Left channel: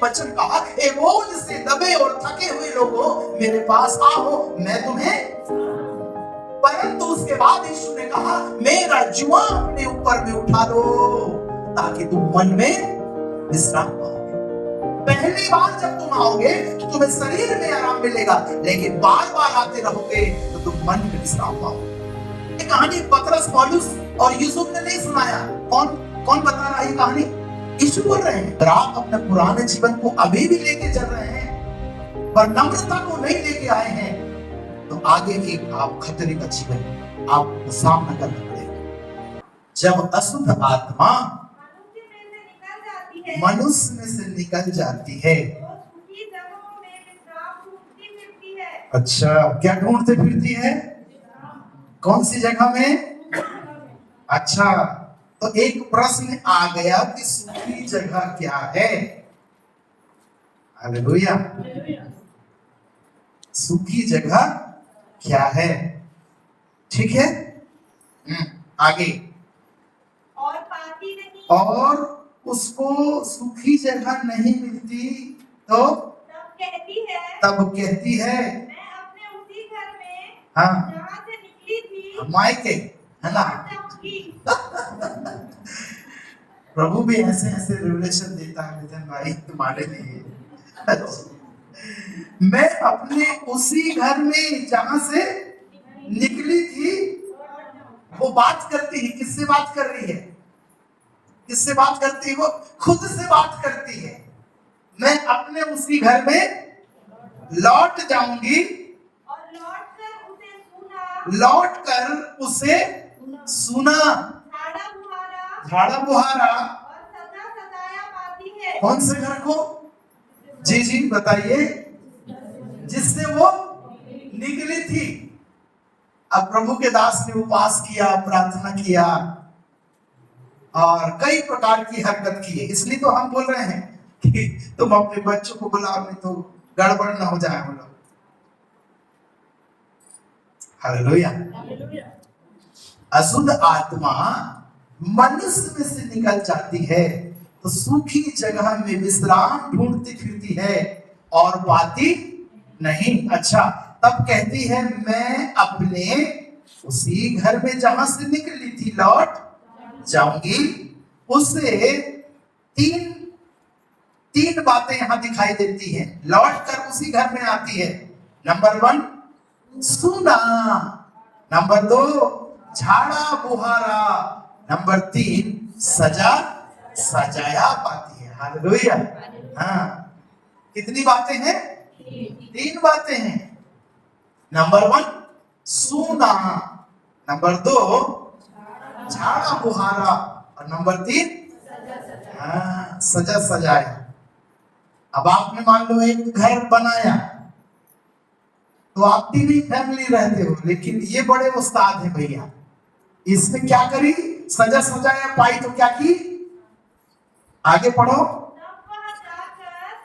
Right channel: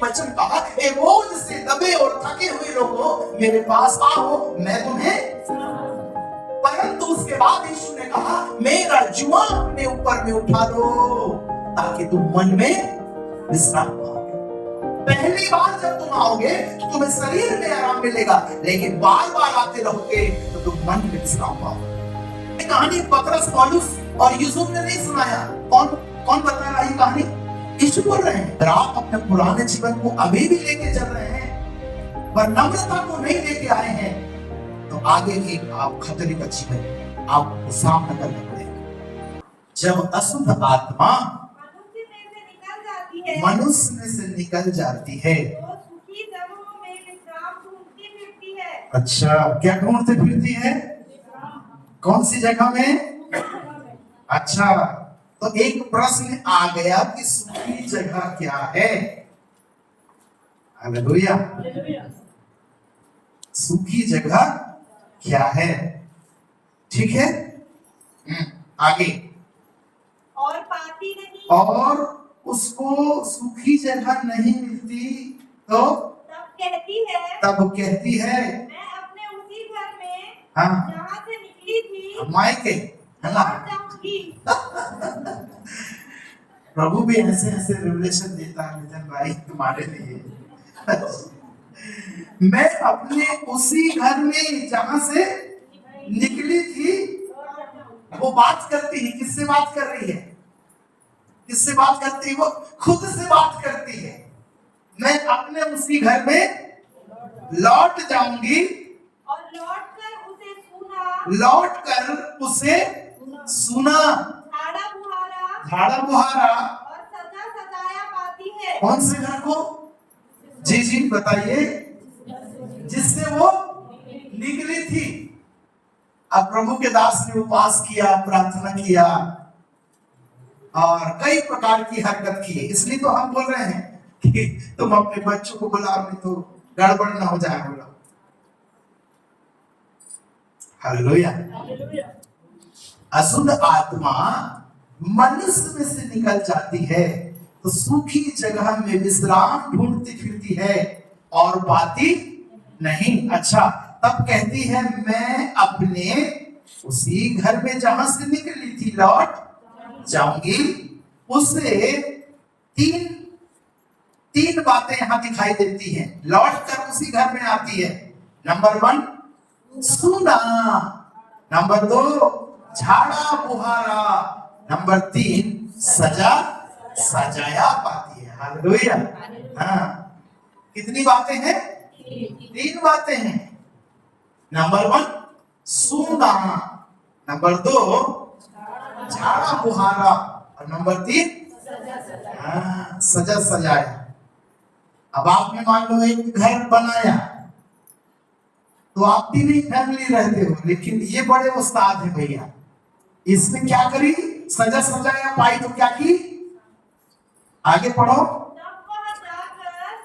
एक वचन कहा, ए बोझ से दबे और थके हुए लोगों मेरे पास आओ, मैं तुम्हें। परंतु उसके बाद यीशु ने कहा, मेरा जुआ अपने ऊपर में उठा लो ताकि तुम मन में विश्राम पाओगे। पहली बार जब तुम आओगे तो तुम्हें शरीर में आराम मिलेगा, लेकिन बार बार आते रहोगे तो तुम मन में विश्राम पाओगे। कहानी पतरस, पौलुस और यूसुफ ने नहीं सुनाया। कौन बता रहा है कहानी? यीशु बोल रहे हैं। आप अपने पुराने जीवन को अभी भी लेके चल रहे हैं पर नम्रता को नहीं लेके आए हैं, तो आगे एक आप खतरे का जीवन आपको सामना करना पड़ेगा। जब अशुद्ध आत्मा मनुष्य में से निकल जाती है, अच्छा, क्या ढूंढते फिरती है? कौन सी जगह में? अच्छा, तो एक प्रश्न आ गया कि सूखी जगह क्या है? हालेलुया। सूखी जगह क्या है? ठीक है, आगे। और पाती नहीं, और उसको सूखी जगह नहीं मिलती तो तब कहती है मैं अपने उसी घर में, हाँ, जहाँ से निकली थी, मायके, है ना? प्रभु भी ऐसे ऐसे रिवलेशन देता है नितिन भाई तुम्हारे लिए। मैं अपने उसी घर में जहां से निकली थी। वो बात करती है, किससे बात कर रही है? किससे बात करती है? वो खुद से बात करती है। मैं अपने उसी घर में लौट जाऊंगी और लौट कर उसे सुना, झाड़ा बुहारा और सदा सजाया पाती है। कौन से घर को? जी जी बताइए, जिससे वो निकली थी। अब प्रभु के दास ने उपवास किया, प्रार्थना किया और कई प्रकार की हरकत की है। इसलिए तो हम बोल रहे हैं कि तुम अपने बच्चों को बुलाओ, नहीं तो गड़बड़ ना हो जाए। बोलो हालेलुया। अशुद्ध आत्मा मनुष्य में से निकल जाती है तो सूखी जगह में विश्राम ढूंढती फिरती है और पाती नहीं। अच्छा, तब कहती है मैं अपने उसी घर में जहां से निकली थी लौट जाऊंगी। उसे तीन बातें यहां दिखाई देती हैं। लौट कर उसी घर में आती है। नंबर 1 सुना, नंबर 2 झाड़ा बुहारा, नंबर 3 सजाया पाती है। हालेलुया। हाँ, कितनी बातें हैं? 3 बातें हैं। नंबर 1 सुना, नंबर 2 झाड़ा बुहारा और नंबर 3 सजाया। अब आपने मान लो एक घर बनाया तो आप 3 फैमिली रहते हो, लेकिन ये बड़े उस्ताद है भैया। इसमें क्या करी? सजाया पाई तो क्या की? आगे पढ़ो।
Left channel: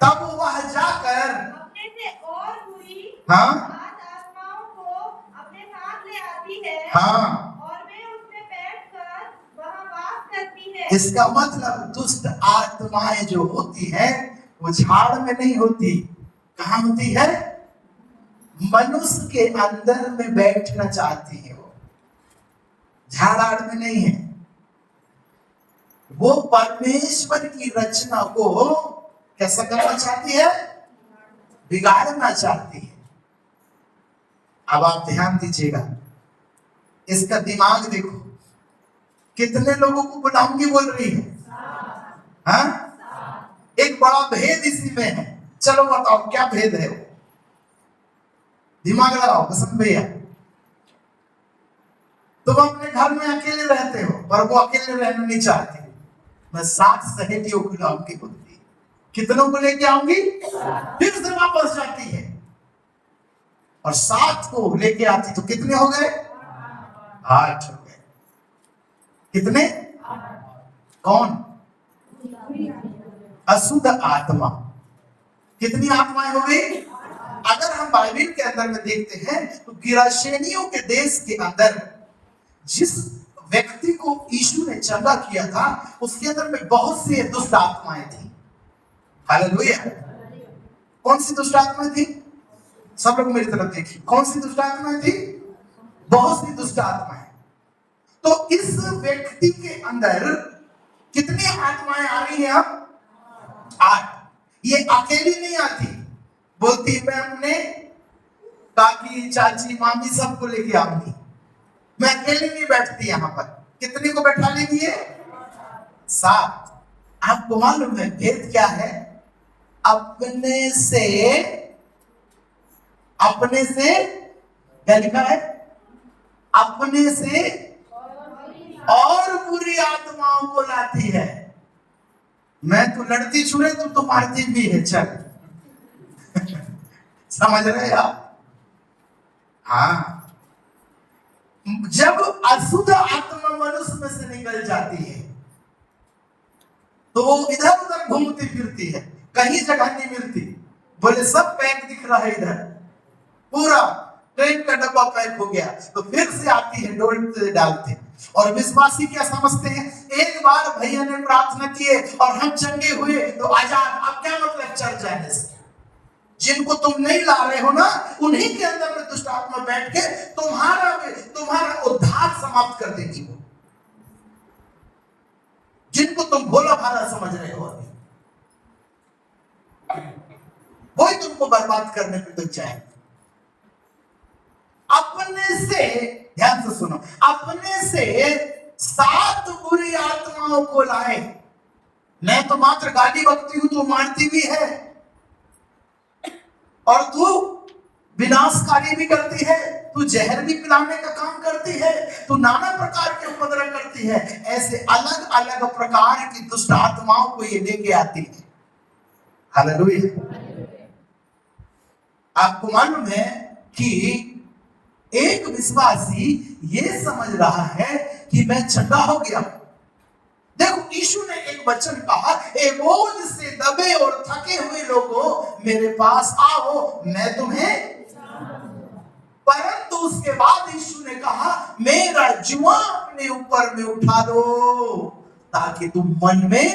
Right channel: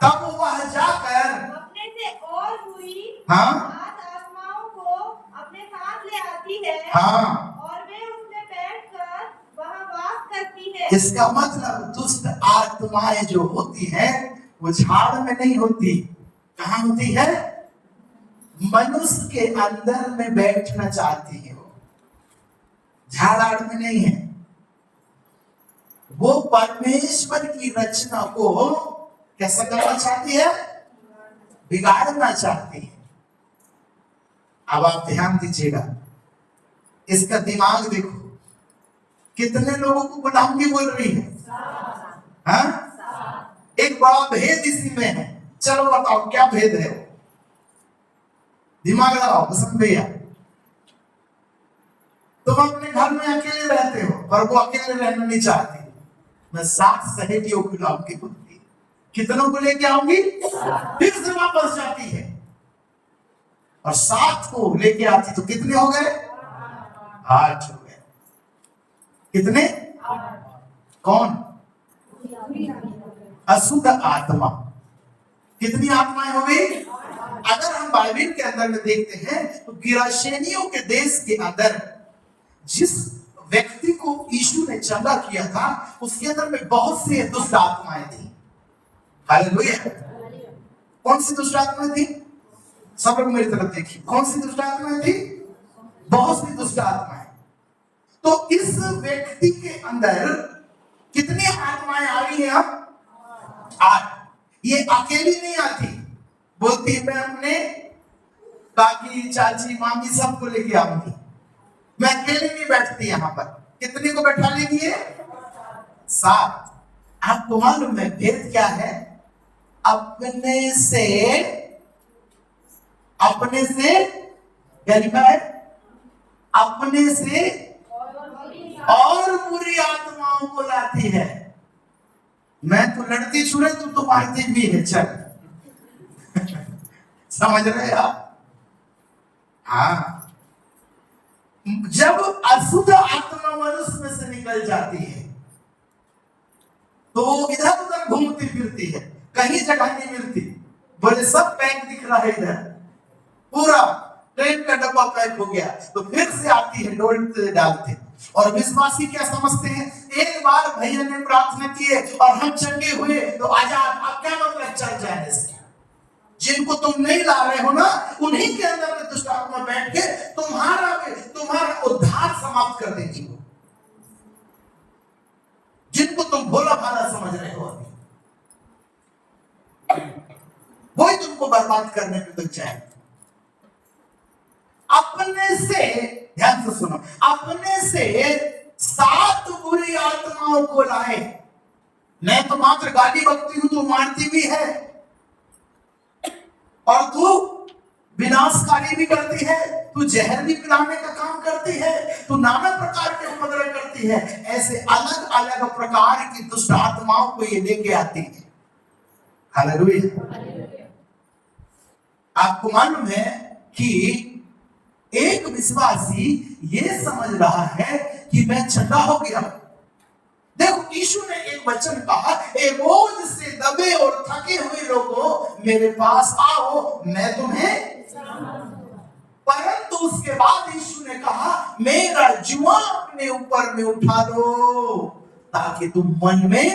तब वह जाकर अपने से और बुरी, हाँ, आत्माओं को अपने साथ ले आती है, हाँ, और वे उसमें बैठकर वहां वास करती है। इसका मतलब दुष्ट आत्माएं जो होती हैं वो झाड़ में नहीं होती। कहाँ होती है? मनुष्य के अंदर में बैठना चाहती है। वो झाड़ में नहीं है। वो परमेश्वर की रचना को कैसा करना चाहती है? बिगाड़ना चाहती है। अब आप ध्यान दीजिएगा, इसका दिमाग देखो, कितने लोगों को गुलामी बोल रही है। हाँ, एक बड़ा भेद इसी में है। चलो बताओ क्या भेद है? दिमाग लगाओ बसंत भैया। तुम अपने घर में अकेले रहते हो पर वो अकेले रहना नहीं चाहती। मैं 7 सहेलियों को लाऊंगी बोलती। कितनों को लेके आऊंगी? फिर से वापस जाती है और 7 को लेके आती तो कितने हो गए? 8 हो गए। कितने? कौन? अशुद्ध आत्मा। कितनी आत्माएं हो गई? अगर हम बाइबल के अंदर में देखते हैं तो गिराशेनियों के देश के अंदर जिस व्यक्ति को यीशु ने चंगा किया था उसके अंदर में बहुत से दुष्ट आत्माएं थी। हालेलुया। कौन सी दुष्ट आत्मा थी? सब लोग मेरी तरफ देखिए, कौन सी दुष्ट आत्मा थी? बहुत सी दुष्ट आत्माएं। तो इस व्यक्ति के अंदर कितनी आत्माएं आ गई हैं? अब 8। ये अकेली नहीं आती, बोलती मैं अपने काकी चाची मामी सबको लेके आऊंगी, मैं अकेले नहीं बैठती यहां पर। कितनी को बैठा लेगी? 7। आपको मालूम है भेद क्या है? अपने से क्या लिखा है? अपने से और बुरी आत्माओं को लाती है। मैं तो लड़ती छुड़े, तुम तो मारती भी है। चल समझ रहे आप? हाँ, जब अशुद्ध आत्मा मनुष्य में से निकल जाती है तो वो इधर उधर घूमती फिरती है, कहीं जगह नहीं मिलती। बोले सब पैक दिख रहा है, इधर पूरा ट्रेन का डब्बा पैक हो गया, तो फिर से आती है, डोल डालते। और विश्वासी क्या समझते हैं? एक बार भैया ने प्रार्थना किए और हम चंगे हुए तो आजाद। अब क्या मतलब चल जाने से? जिनको तुम नहीं ला रहे हो ना, उन्हीं के अंदर में दुष्ट आत्मा बैठ के तुम्हारा उद्धार समाप्त कर देगी। वो जिनको तुम भोला भाला समझ रहे हो, वही तुमको बर्बाद करने पे लग जाए। अपने से, ध्यान से सुनो, अपने से 7 बुरी आत्माओं को लाए। मैं तो मात्र गाली बकती हूं, तो मारती भी है, और तू विनाशकारी भी करती है, तू जहर भी पिलाने का काम करती है, तू नाना प्रकार के उपद्रव करती है। ऐसे अलग अलग प्रकार की दुष्ट आत्माओं को ये लेके आती है। हालेलुया। आपको मालूम है कि एक विश्वासी ये समझ रहा है कि मैं चंगा हो गया। देखो, यीशु ने एक वचन कहा, ए बोझ से दबे और थके हुए लोगों मेरे पास आओ, मैं तुम्हें। परंतु उसके बाद यीशु ने कहा, मेरा जुआ अपने ऊपर में उठा लो ताकि तुम मन में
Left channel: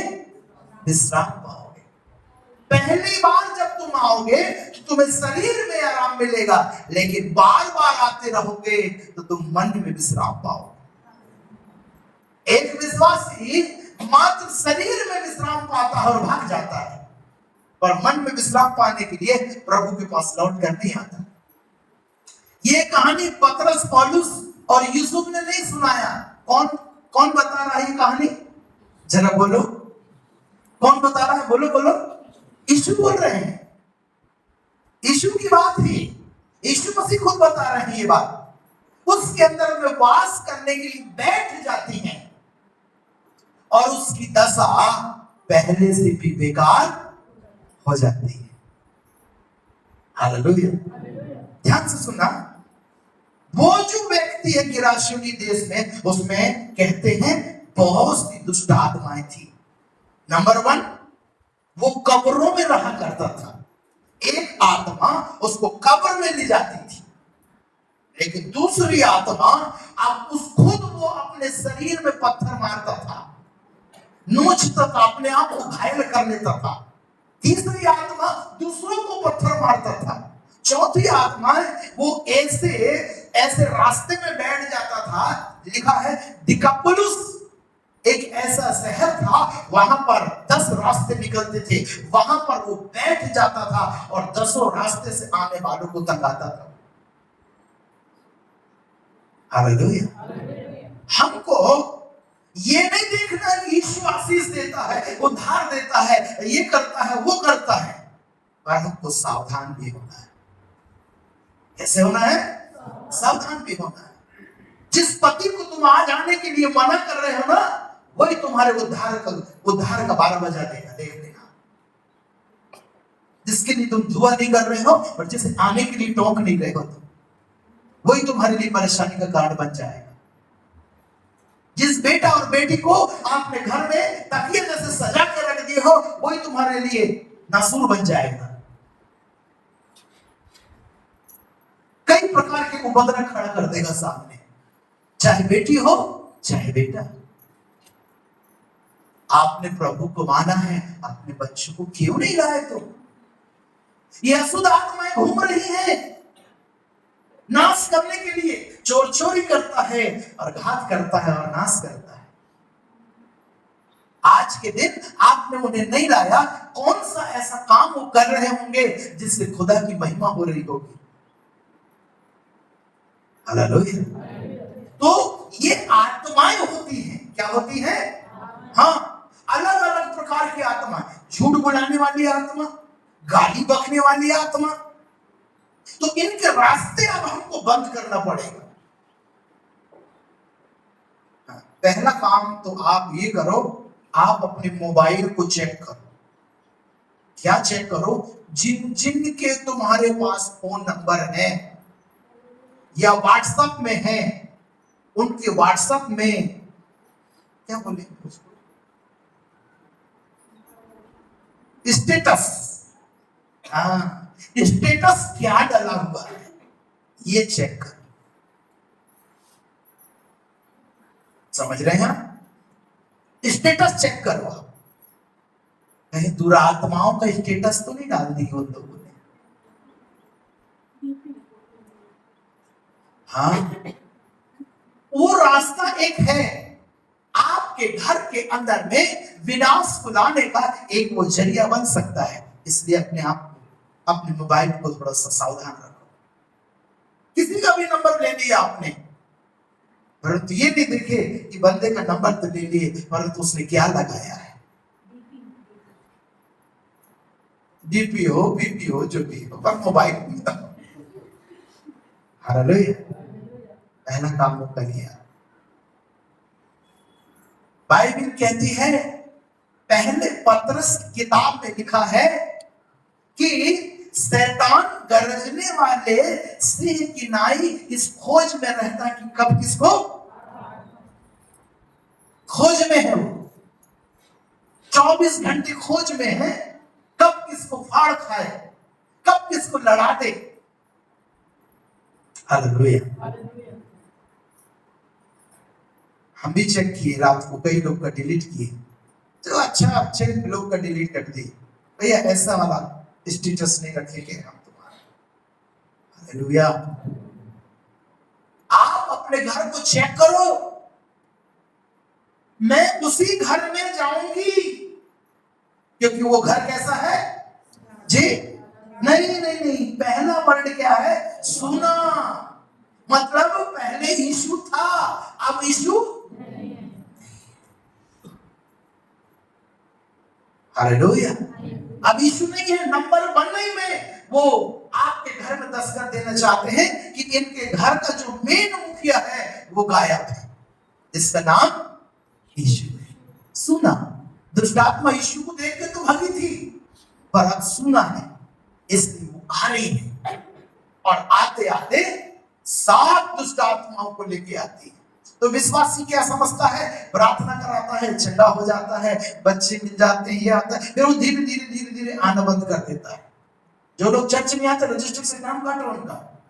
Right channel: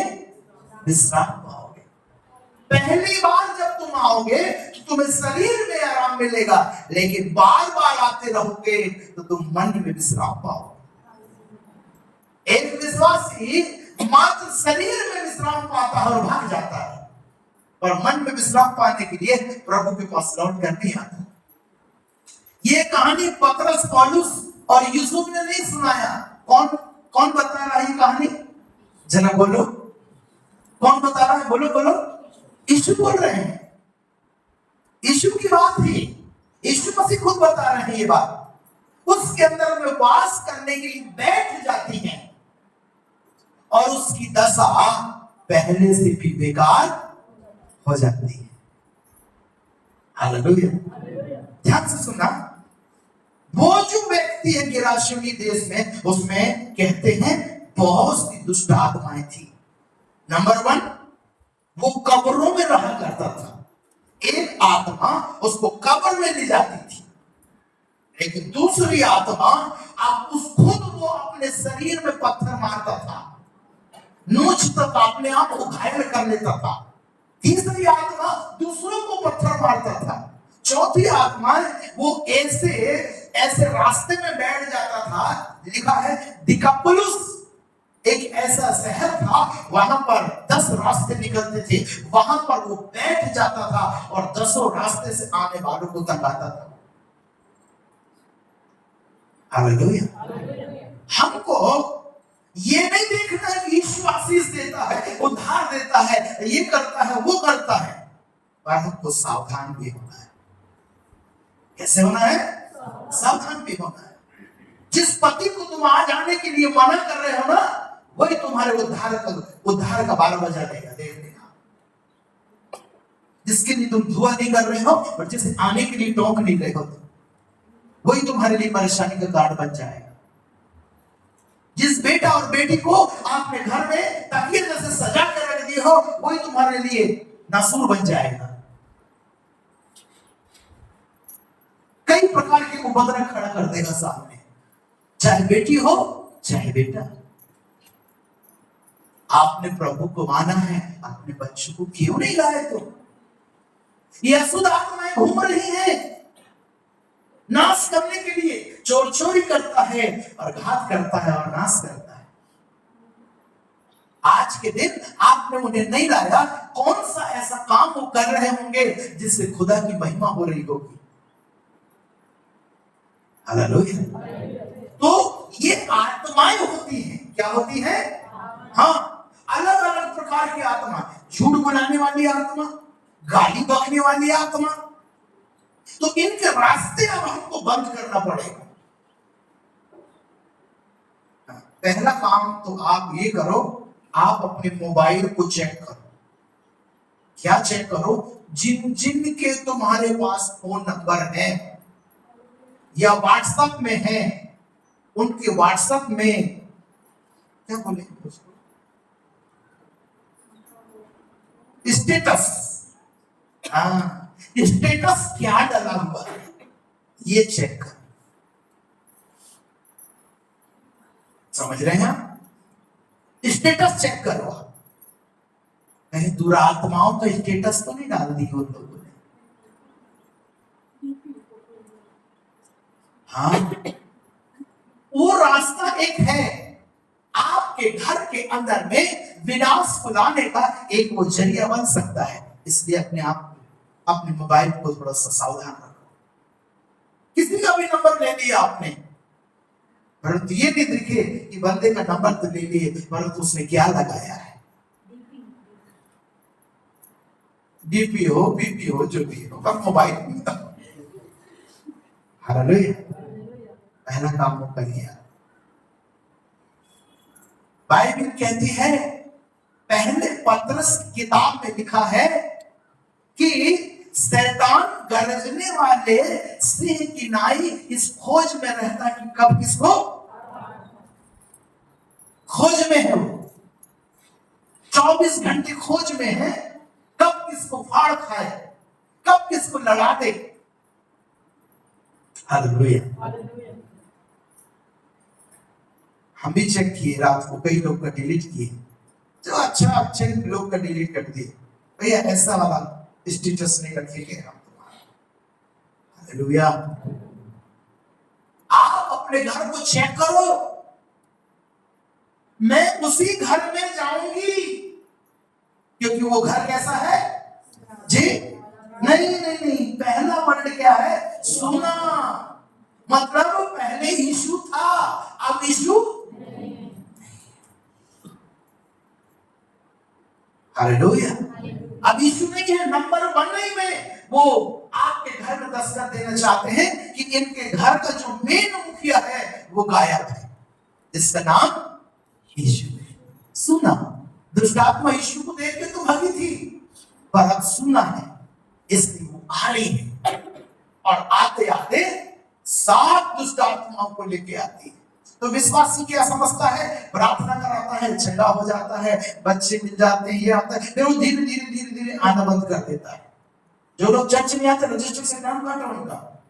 विश्राम पाओगे। पहली बार जब तुम आओगे तो तुम्हें शरीर में आराम मिलेगा, लेकिन बार बार आते रहोगे तो तुम मन में विश्राम पाओगे। एक विश्वासी मात्र शरीर में विश्राम पाता है और भाग जाता है, पर मन में विश्राम पाने के लिए प्रभु के पास लौट कर नहीं आता। ये कहानी पतरस, पौलुस और यूसुफ ने नहीं सुनाया। कौन बता रहा है ये कहानी? जरा बोलो, कौन बता रहा है? बोलो बोलो। यीशु बोल रहे हैं, यीशु की बात है, यीशु मसीह खुद बता रहे हैं ये बात। उसके अंदर में वास करने के लिए बैठ जाती हैं और उसकी दशा पहले से भी बेकार हो जाती है। हालेलुया। ध्यान से सुनना, वो जो व्यक्ति है गिराशियोनी देश में, उसमें कहते हैं बहुत सी दुष्ट आत्माएं थी। नंबर 1, वो कब्रों में रहा करता था। एक आत्मा उसको कब्र में ले जाती थी, लेकिन दूसरी आत्मा खुद वो अपने शरीर में पत्थर मारता था, नोचता था, अपने आप को घायल कर लेता था। तीसरी आत्मा दूसरों को पत्थर मारता था। चौथी आत्मा वो ऐसे रास्ते में बैठ जाता था। लिखा है दिकापुलिस एक ऐसा शहर था, वहां पर 10 रास्ते निकलते थे, वहां पर वो बैठ जाता था और 10 रास्ते से आने वालों को तकाता था। हालेलुया। हमको ये नहीं देखना कि यीशु आशीष देता है, उद्धार देता है, ये करता है, वो करता है, पर हमको सावधान भी होना है। कैसे होना है? सावधान भी होना है। जिस पति को तुम आज आने के लिए मना कर रहे हो ना, वही तुम्हारे उद्धार का 12 बजा देगा। देख लेना, जिसके लिए तुम दुआ नहीं कर रहे हो और जिसे आने के लिए टोक नहीं रहे हो, वही तुम्हारे लिए परेशानी का कारण बन जाएगा। जिस बेटा और बेटी को आपने घर में तकिए जैसे सजा कर रख दिए हो, वही तुम्हारे लिए नासूर बन जाएगा। कई प्रकार के उपद्रव खड़ा कर देगा सामने, चाहे बेटी हो चाहे बेटा। आपने प्रभु को माना है, अपने बच्चों को क्यों नहीं लाए? तो ये अशुद्ध आत्माएं घूम रही हैं नाश करने के लिए। चोर चोरी करता है और घात करता है और नाश करता है। आज के दिन आपने उन्हें नहीं लाया, कौन सा ऐसा काम वो कर रहे होंगे जिससे खुदा की महिमा हो रही होगी? हालेलुया। तो ये आत्माएं होती हैं, क्या होती है? हाँ, अलग अलग प्रकार की आत्मा। झूठ बनाने वाली आत्मा, गाली बकने वाली आत्मा। तो इनके रास्ते अब हमको बंद करना पड़ेगा। पहला काम तो आप ये करो, आप अपने मोबाइल को चेक करो। क्या चेक करो? जिन जिन के तुम्हारे पास फोन नंबर है या व्हाट्सएप में है, उनके व्हाट्सएप में क्या बोलेंगे उसको, स्टेटस। हाँ, स्टेटस क्या डाला हुआ है ये चेक करो। समझ रहे हैं? स्टेटस चेक करो। कहीं दुरात्माओं का स्टेटस तो नहीं डाल दी हो लोगों ने? हाँ, वो रास्ता एक है। आपके घर के अंदर में विनाश को लाने का एक वो जरिया बन सकता है। इसलिए अपने मोबाइल को थोड़ा सा सावधान रखो। किसी का भी नंबर ले लिया आपने, परंतु ये नहीं देखे कि बंदे का नंबर तो ले लिए, परंतु उसने क्या लगाया है। डीपी हो, बीपी हो, जो भी हो, पर मोबाइल में। हालेलुया। पहला काम वो करिए। बाइबल कहती है, पहले पतरस किताब में लिखा है कि शैतान गरजने वाले सिंह की नाई इस खोज में रहता कि कब किसको, खोज में है वो, 24 घंटे खोज में है, कब किसको फाड़ खाए, कब किसको लड़ा दे। हालेलुया। हम भी चेक किए रात को, कई लोग का डिलीट किए, तो अच्छे लोग का डिलीट कर दिए। भैया ऐसा वाला स्टेटस नहीं रखेंगे हम तुम्हारा। हालेलुया। आप अपने घर को चेक करो। मैं उसी घर में जाऊंगी क्योंकि वो घर कैसा है जी? नहीं, पहला वर्ड क्या है? सुना। मतलब पहले यीशु था, अब यीशु। हालेलुया। अब यीशु ने ये नंबर 1 में वो आपके घर में दस्तक देना चाहते हैं कि इनके घर का जो मेन मुखिया है वो गायब है, जिसका नाम यीशु है। सुना। दुष्ट आत्मा यीशु को देख के तो भागी थी, पर अब सुना है, इसलिए वो आ रही है। और आते आते 7 दुष्ट आत्माओं को लेके आती है। तो विश्वासी क्या समझता है? प्रार्थना कराता है, झंडा हो जाता है, बच्चे मिल जाते हैं, ये आता है, फिर वो धीरे धीरे आना बंद कर देता है। जो लोग चर्च में आते रजिस्टर से नाम काट रहा उनका,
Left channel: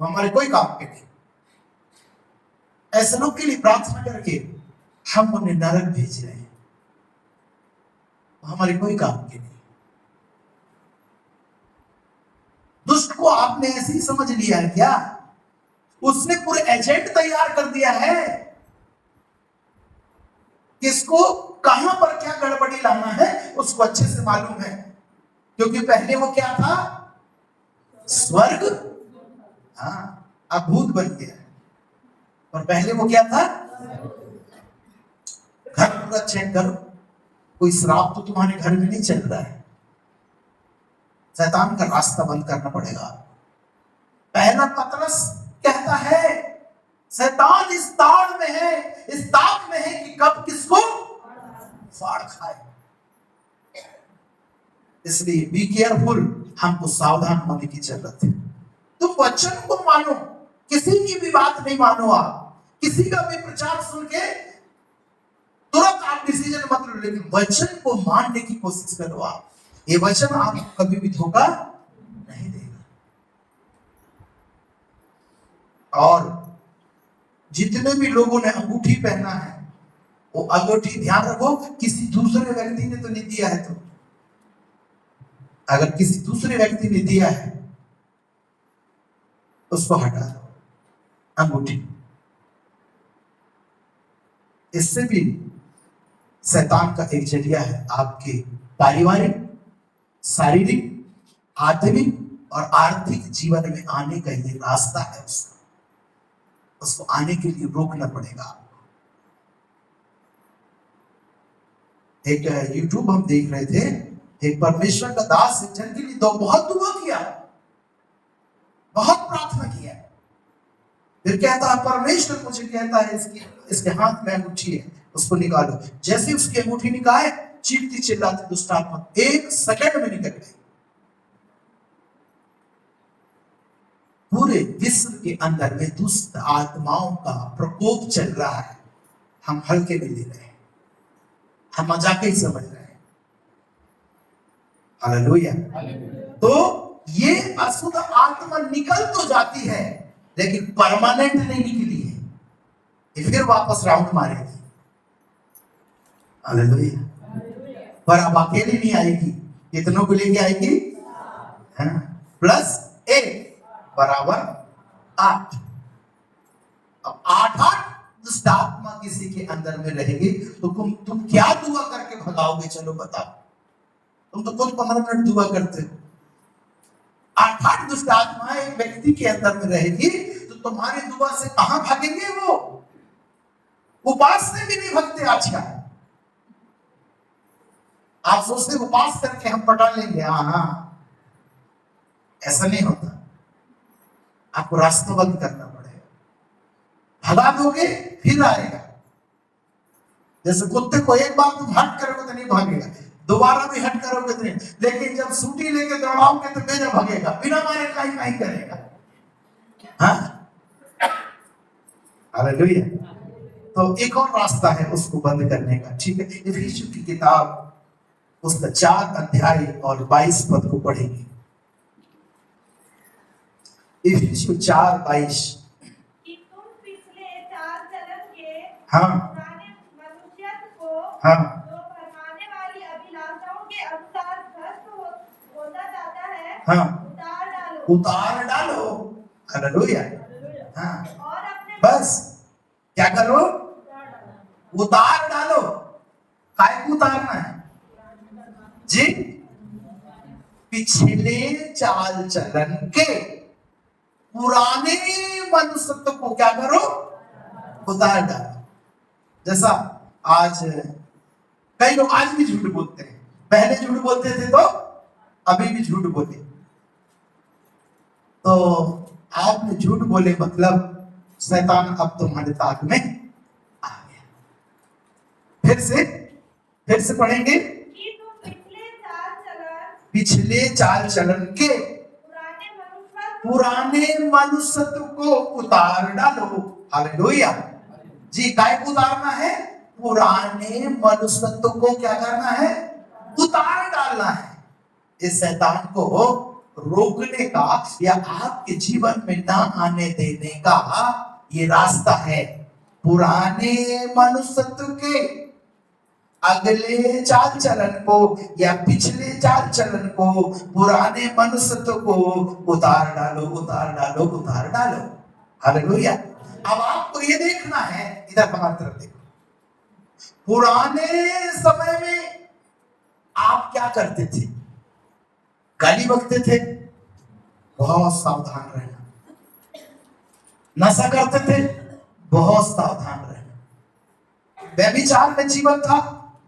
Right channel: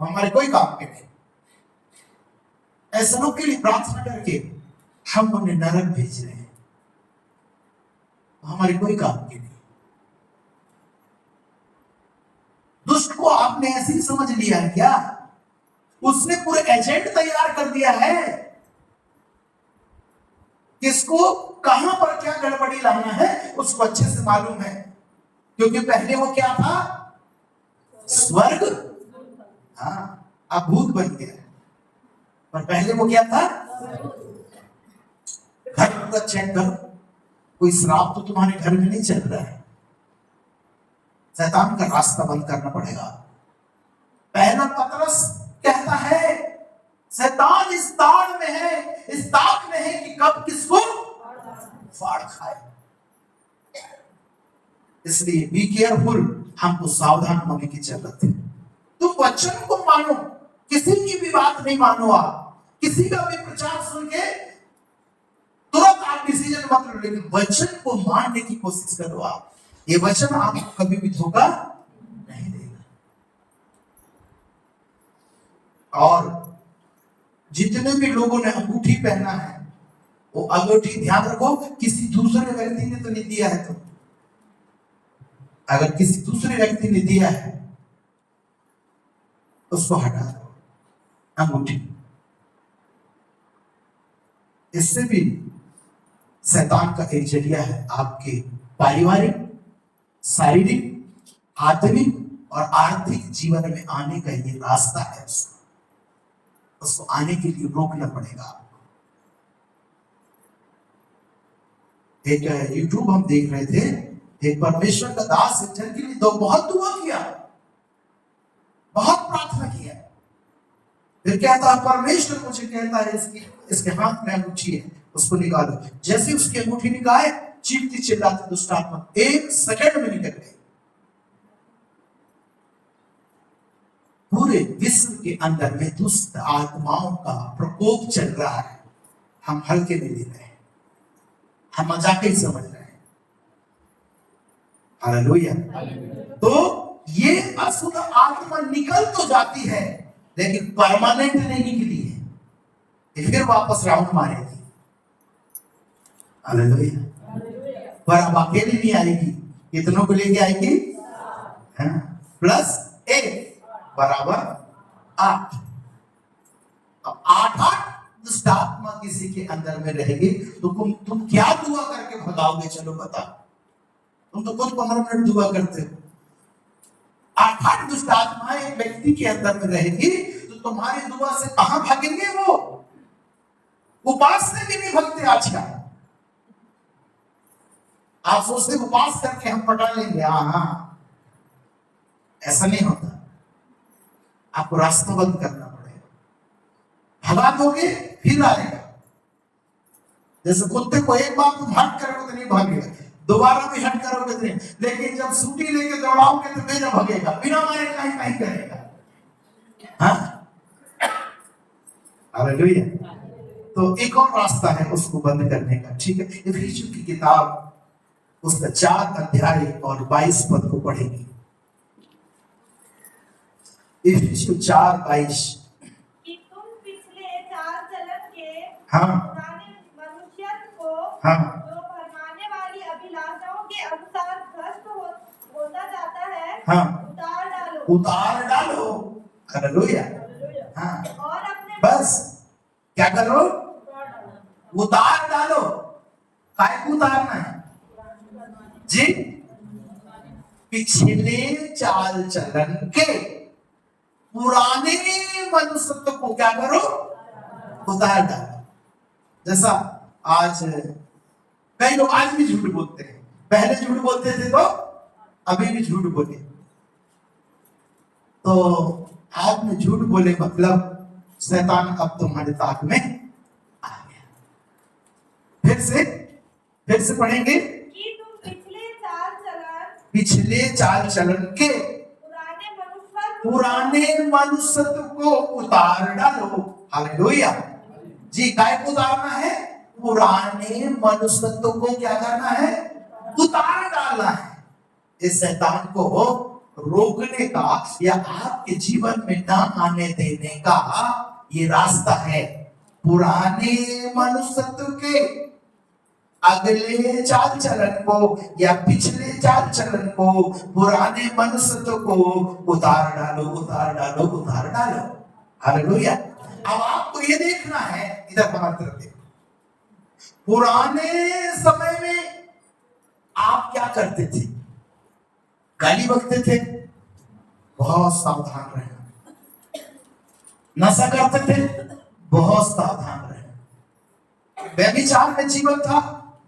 हमारे कोई काम के नहीं। ऐसे लोग के लिए प्रार्थना करके हम उन्हें नरक भेज रहे हैं, हमारे कोई काम के नहीं। दुष्ट को आपने ऐसे ही समझ लिया है क्या? उसने पूरे एजेंट तैयार कर दिया है, किसको कहां पर क्या गड़बड़ी लाना है उसको अच्छे से मालूम है। क्योंकि पहले वो क्या था? स्वर्ग। हाँ, अब भूत बन गया, पर पहले वो क्या था? घर पूरा चेक करो, कोई श्राप तो तुम्हारे घर में नहीं चल रहा है। शैतान का रास्ता बंद करना पड़ेगा। पहला पतरस कहता है, शैतान इस ताड़ में है, इस ताक में है कि कब किसको फाड़ खाए। इसलिए बी केयरफुल, हमको सावधान होने की जरूरत है। तुम वचन को मानो, किसी की भी बात नहीं मानो। आप किसी का भी प्रचार सुन के तुरंत आप डिसीजन मत लो, लेकिन वचन को मानने की कोशिश करो। आप ये वचन आपको कभी भी धोखा नहीं देगा। और जितने भी लोगों ने अंगूठी पहना है वो अंगूठी ध्यान रखो किसी दूसरे व्यक्ति ने तो नहीं दिया है। तो अगर किसी दूसरे व्यक्ति ने दिया है उसको हटा दो अंगूठी। इससे भी शैतान का एक जरिया है आपके पारिवारिक, शारीरिक, आत्मिक और आर्थिक जीवन में आने का ये रास्ता है। उसको आने के लिए रोकना पड़ेगा। एक यूट्यूब हम देख रहे थे, एक परमेश्वर का दास एक जन के लिए तो बहुत दुआ किया, बहुत प्रार्थना किया, फिर कहता है परमेश्वर मुझे कहता है इसके हाथ में अंगूठी है, उसको निकालो। जैसे उसकी अंगूठी निकाले, चीखती चिल्लाती दुष्ट आत्मा 1 सेकंड में निकल गई। पूरे विश्व के अंदर में दुष्ट आत्माओं का प्रकोप चल रहा है। हम हल्के में ले रहे हैं, हम मजाक ही समझ रहे हैं। हालेलुया। तो ये अशुद्ध आत्मा निकल तो जाती है लेकिन परमानेंट नहीं निकली है, ये फिर वापस राउंड मारेगी। हालेलुया। पर अब अकेली नहीं आएगी, कितनों को लेके आएगी? +1 = 8। अब 8 दुष्ट आत्मा किसी के अंदर में रहेगी तो तुम क्या दुआ करके भगाओगे? चलो बता, तुम तो कुछ 15 मिनट दुआ करते हो। 8 दुष्ट आत्माएं एक व्यक्ति के अंदर में रहेगी तो तुम्हारी दुआ से कहां भागेंगे? वो उपास से भी नहीं भागते। आजकल आप सोचते उपास करके हम पटा लेंगे। हाँ, ऐसा नहीं होता। आपको रास्ता बंद करना पड़ेगा। भगा दोगे फिर आएगा। जैसे कुत्ते को एक बार तुम हट करोगे तो नहीं भागेगा, दोबारा भी हट करोगे तो नहीं, लेकिन जब सूटी लेके दौड़ाओगे तो मेरे भागेगा, बिना मारे कहीं करेगा। हाँ, हालेलुया। तो एक और रास्ता है उसको बंद करने का, ठीक है? इफिसियों की किताब उसका 4 अध्याय और 22 पद को पढ़ेंगे। इफिसियों 4:22। तुम पिछले चाल चलन के हाँ मनुष्यत्व को हाँ जो भरमाने वाली अभिलाषाओं के अनुसार भ्रष्ट होता जाता है, हाँ उतार डालो। हालेलुया। हाँ, और अपने बस क्या करो? उतार डालो। काय को उतारना है जी? पिछले चाल चलन के पुराने मनुष्यत्व को क्या करो? उतार डालो। जैसा आज कई लोग आज भी झूठ बोलते हैं, पहले झूठ बोलते थे तो अभी भी झूठ बोले। तो आपने झूठ बोले मतलब शैतान अब तुम्हारे ताक में आ गया। फिर से पढ़ेंगे कि तुम पिछले चाल चलन के पुराने मनुष्यत्व को उतार डालो। हालेलुया जी। काय को उतारना है? पुराने मनुष्यत्व को क्या करना है? उतार डालना है। इस शैतान को रोकने का या आपके जीवन में ना आने देने का ये रास्ता है। पुराने मनुष्यत्व के अगले चाल चलन को या पिछले चाल चलन को, पुराने मनुष्यत्व को उतार डालो, उतार डालो, उतार डालो। हालेलुया। अब आपको ये देखना है, इधर बाहर तरफ देखो। पुराने समय में आप क्या करते थे? गाली बकते थे? बहुत सावधान रहना। नशा करते थे? बहुत सावधान रहना। व्यभिचार में जीवन था?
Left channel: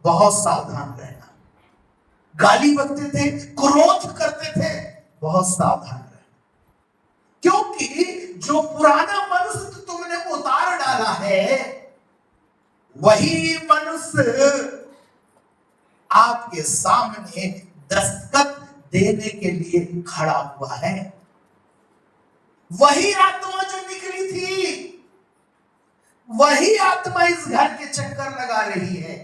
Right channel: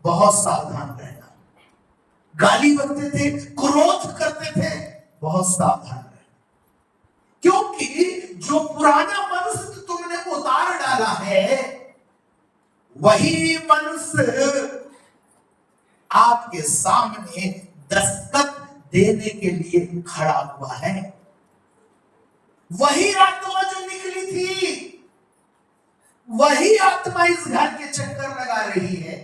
बहुत सावधान रहना। गाली बकते थे, क्रोध करते थे? बहुत सावधान रहना। क्योंकि जो पुराना मनुष्य तुमने उतार डाला है वही मनुष्य आपके सामने दस्तक देने के लिए खड़ा हुआ है। वही आत्मा जो निकली थी, वही आत्मा इस घर के चक्कर लगा रही है,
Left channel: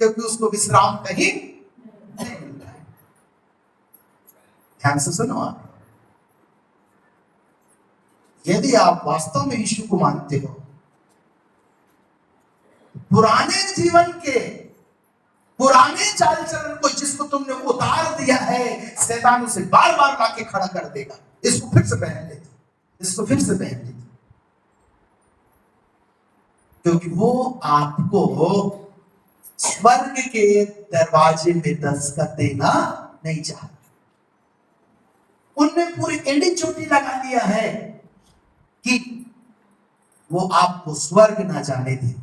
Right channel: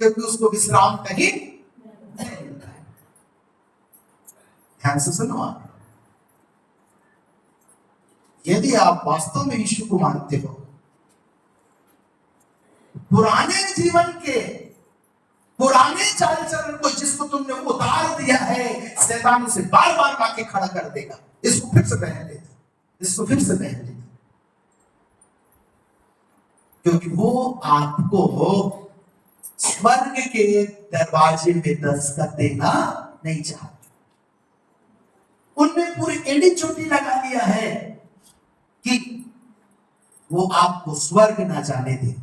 क्योंकि उसको विश्राम कहीं नहीं मिल रहा है। ध्यान से सुनो आप। यदि आप वास्तव में यीशु को मानते हो, पुराने जीवन के पुराने चाल चलन को जिसको तुमने उतार दिया है, शैतान उसे बार बार लाके खड़ा कर देगा। इसको फिर से पहन लेते, इसको फिर से पहन लेते, क्योंकि वो आपको स्वर्ग के दरवाजे में दस्तक देना नहीं चाहते। उनने पूरी एड़ी चोटी लगा दिया है कि वो आपको स्वर्ग ना जाने दे।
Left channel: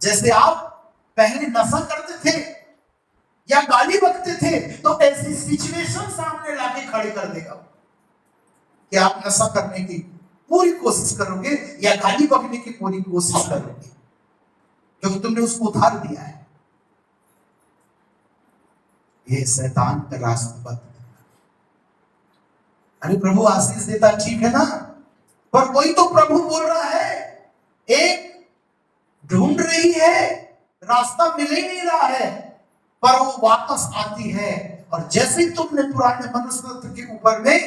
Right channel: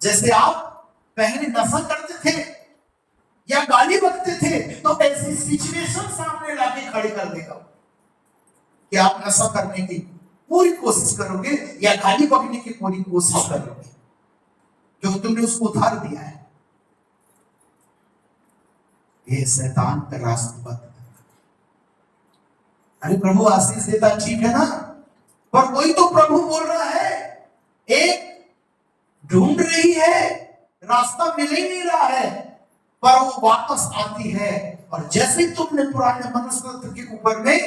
जैसे आप पहले नशा करते थे या गाली बकते थे, तो ऐसी सिचुएशन सामने लाके खड़े कर देगा कि आप नशा करने की पूरी कोशिश करोगे या गाली बकने की पूरी कोशिश करोगे, क्योंकि तुमने उसको उधार दिया है। ये शैतान का रास्ता बंद है। अरे प्रभु आशीष देता, ठीक है ना, पर कोई तो प्रभु बोल रहा है, एक ढूंढ रही है, रास्ता मिल ही नहीं रहा है, पर वो वापस आती है। और जैसे ही तुमने पुराने मनुष्य के ऊपर में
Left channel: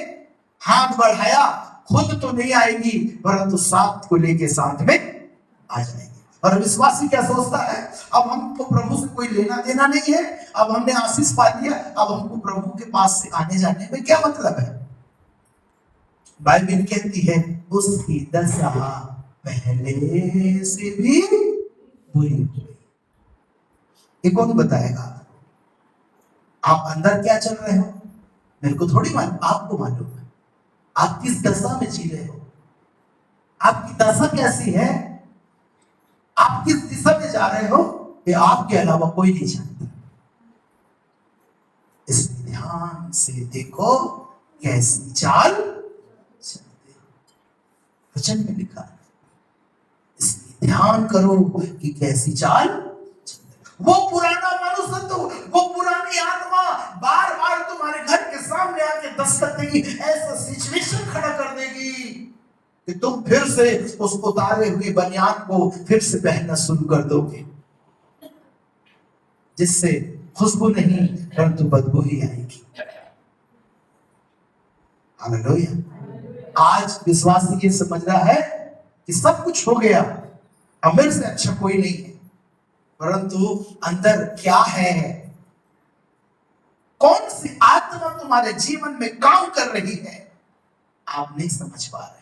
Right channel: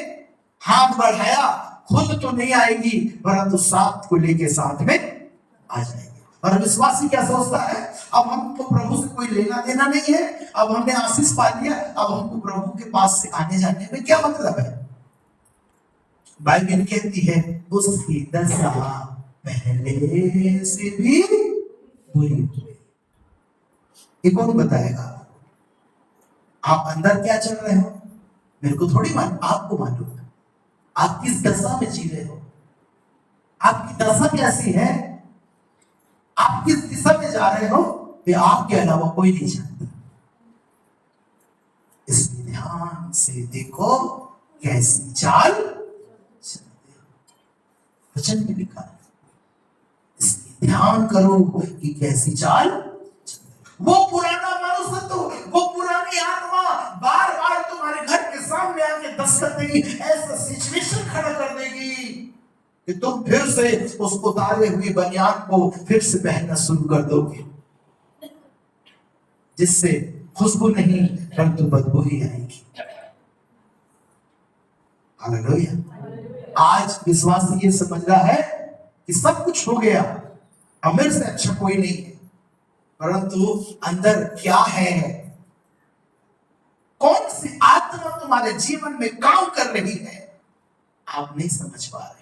हाथ बढ़ाया, खुद तो नहीं आएगी, परंतु साथ को लेके साथ में आ जाएगी। और विश्वासी क्या सोचता है, अब हमको प्रभु से कोई लेना देना नहीं है, अब हमने आशीष पा लिया, अब हमको प्रभु के पास से आने जाने में क्या मतलब है। बाइबल कहती है उसकी दशा पहले से भी बुरी हुई। ये कौन बताएगा? आप अंदर क्या चल रहे हो मेरे को थोड़ी मालूम, आपको मालूम है। आप किस दशा में जी रहे हो, आपकी दशा कैसी है, आप किस दिशा में जा रहे हो, ये आपके अलावा कोई नहीं जानता। इसलिए ध्यान से देखो कैसी चाल चलते हो। वचन में लिखा है, इसलिए ध्यान करो कि कैसी चाल चलते। वो पुराना मनुष्यत्व, वो पुरानी आत्मा बार बार तुम्हारे घर के सामने आके दस्तक देगी, ऐसा सिचुएशन खड़ा कर देगी कि तुम फिर से उस उतारे हुए बनियान को फिर से पहनना शुरू कर दोगे, जिससे खुशबू नहीं परंतु बदबू ही आएगी। हालेलुया। आज विश्वासी ये समझ रहा है कि सब कुछ हो गया, अब मेरे से अच्छा कोई नहीं है, परंतु अंदर क्या है, कौन सी आत्मा तुम्हारे जीवन में काम कर रही है, आप नहीं समझ पा रहे।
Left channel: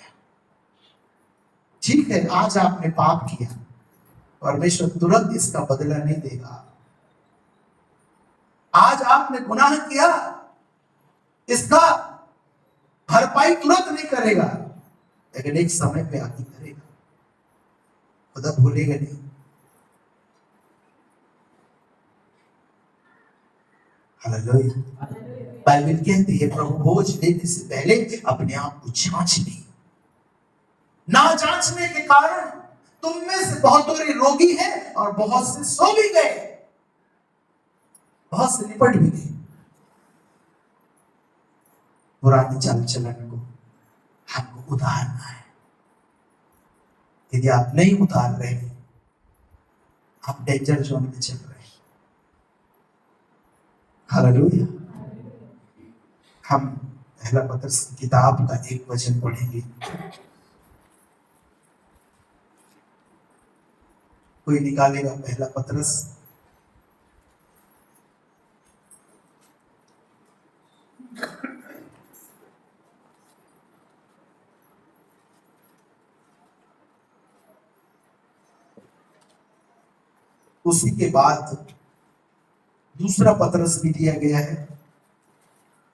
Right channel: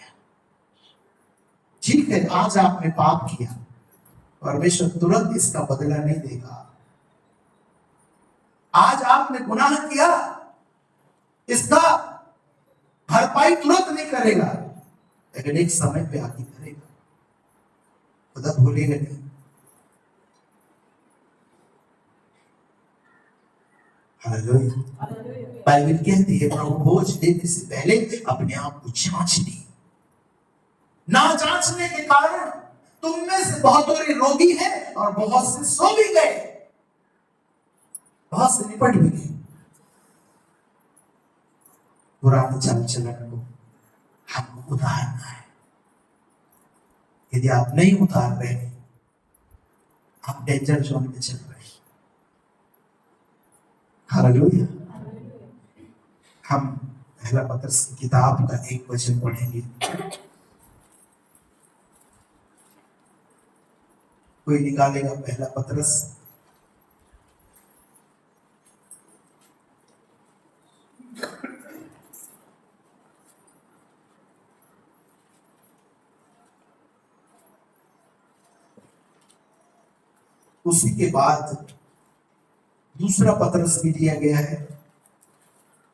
ठीक है, आज आपने पाप किया, परमेश्वर तुरंत इसका बदला नहीं देगा। आज आपने गुनाह किया, इसका भरपाई तुरंत नहीं करेगा, लेकिन एक समय पे आके करेगा, खुदा भूलेगा नहीं। हालेलुया। बाइबल कहती है प्रभु बोझ देने से पहले अपने आप को जांच ली। ना जांचने के कारण तुम में से बहुत रोगी हैं और बहुत से सो भी गए, बहुत से निपट भी गए। पुराने चाल चलन को हमको उतारना है। यदि आप नहीं उतार रहे, आप डेंजर जोन में चल रहे। हालेलुया। हम पहला पत्रस की किताब का एक वचन पढ़ेंगे। कोई निकालेगा पहला पत्रस? उसी के बाद दूसरा पत्रस भी दिया गया है,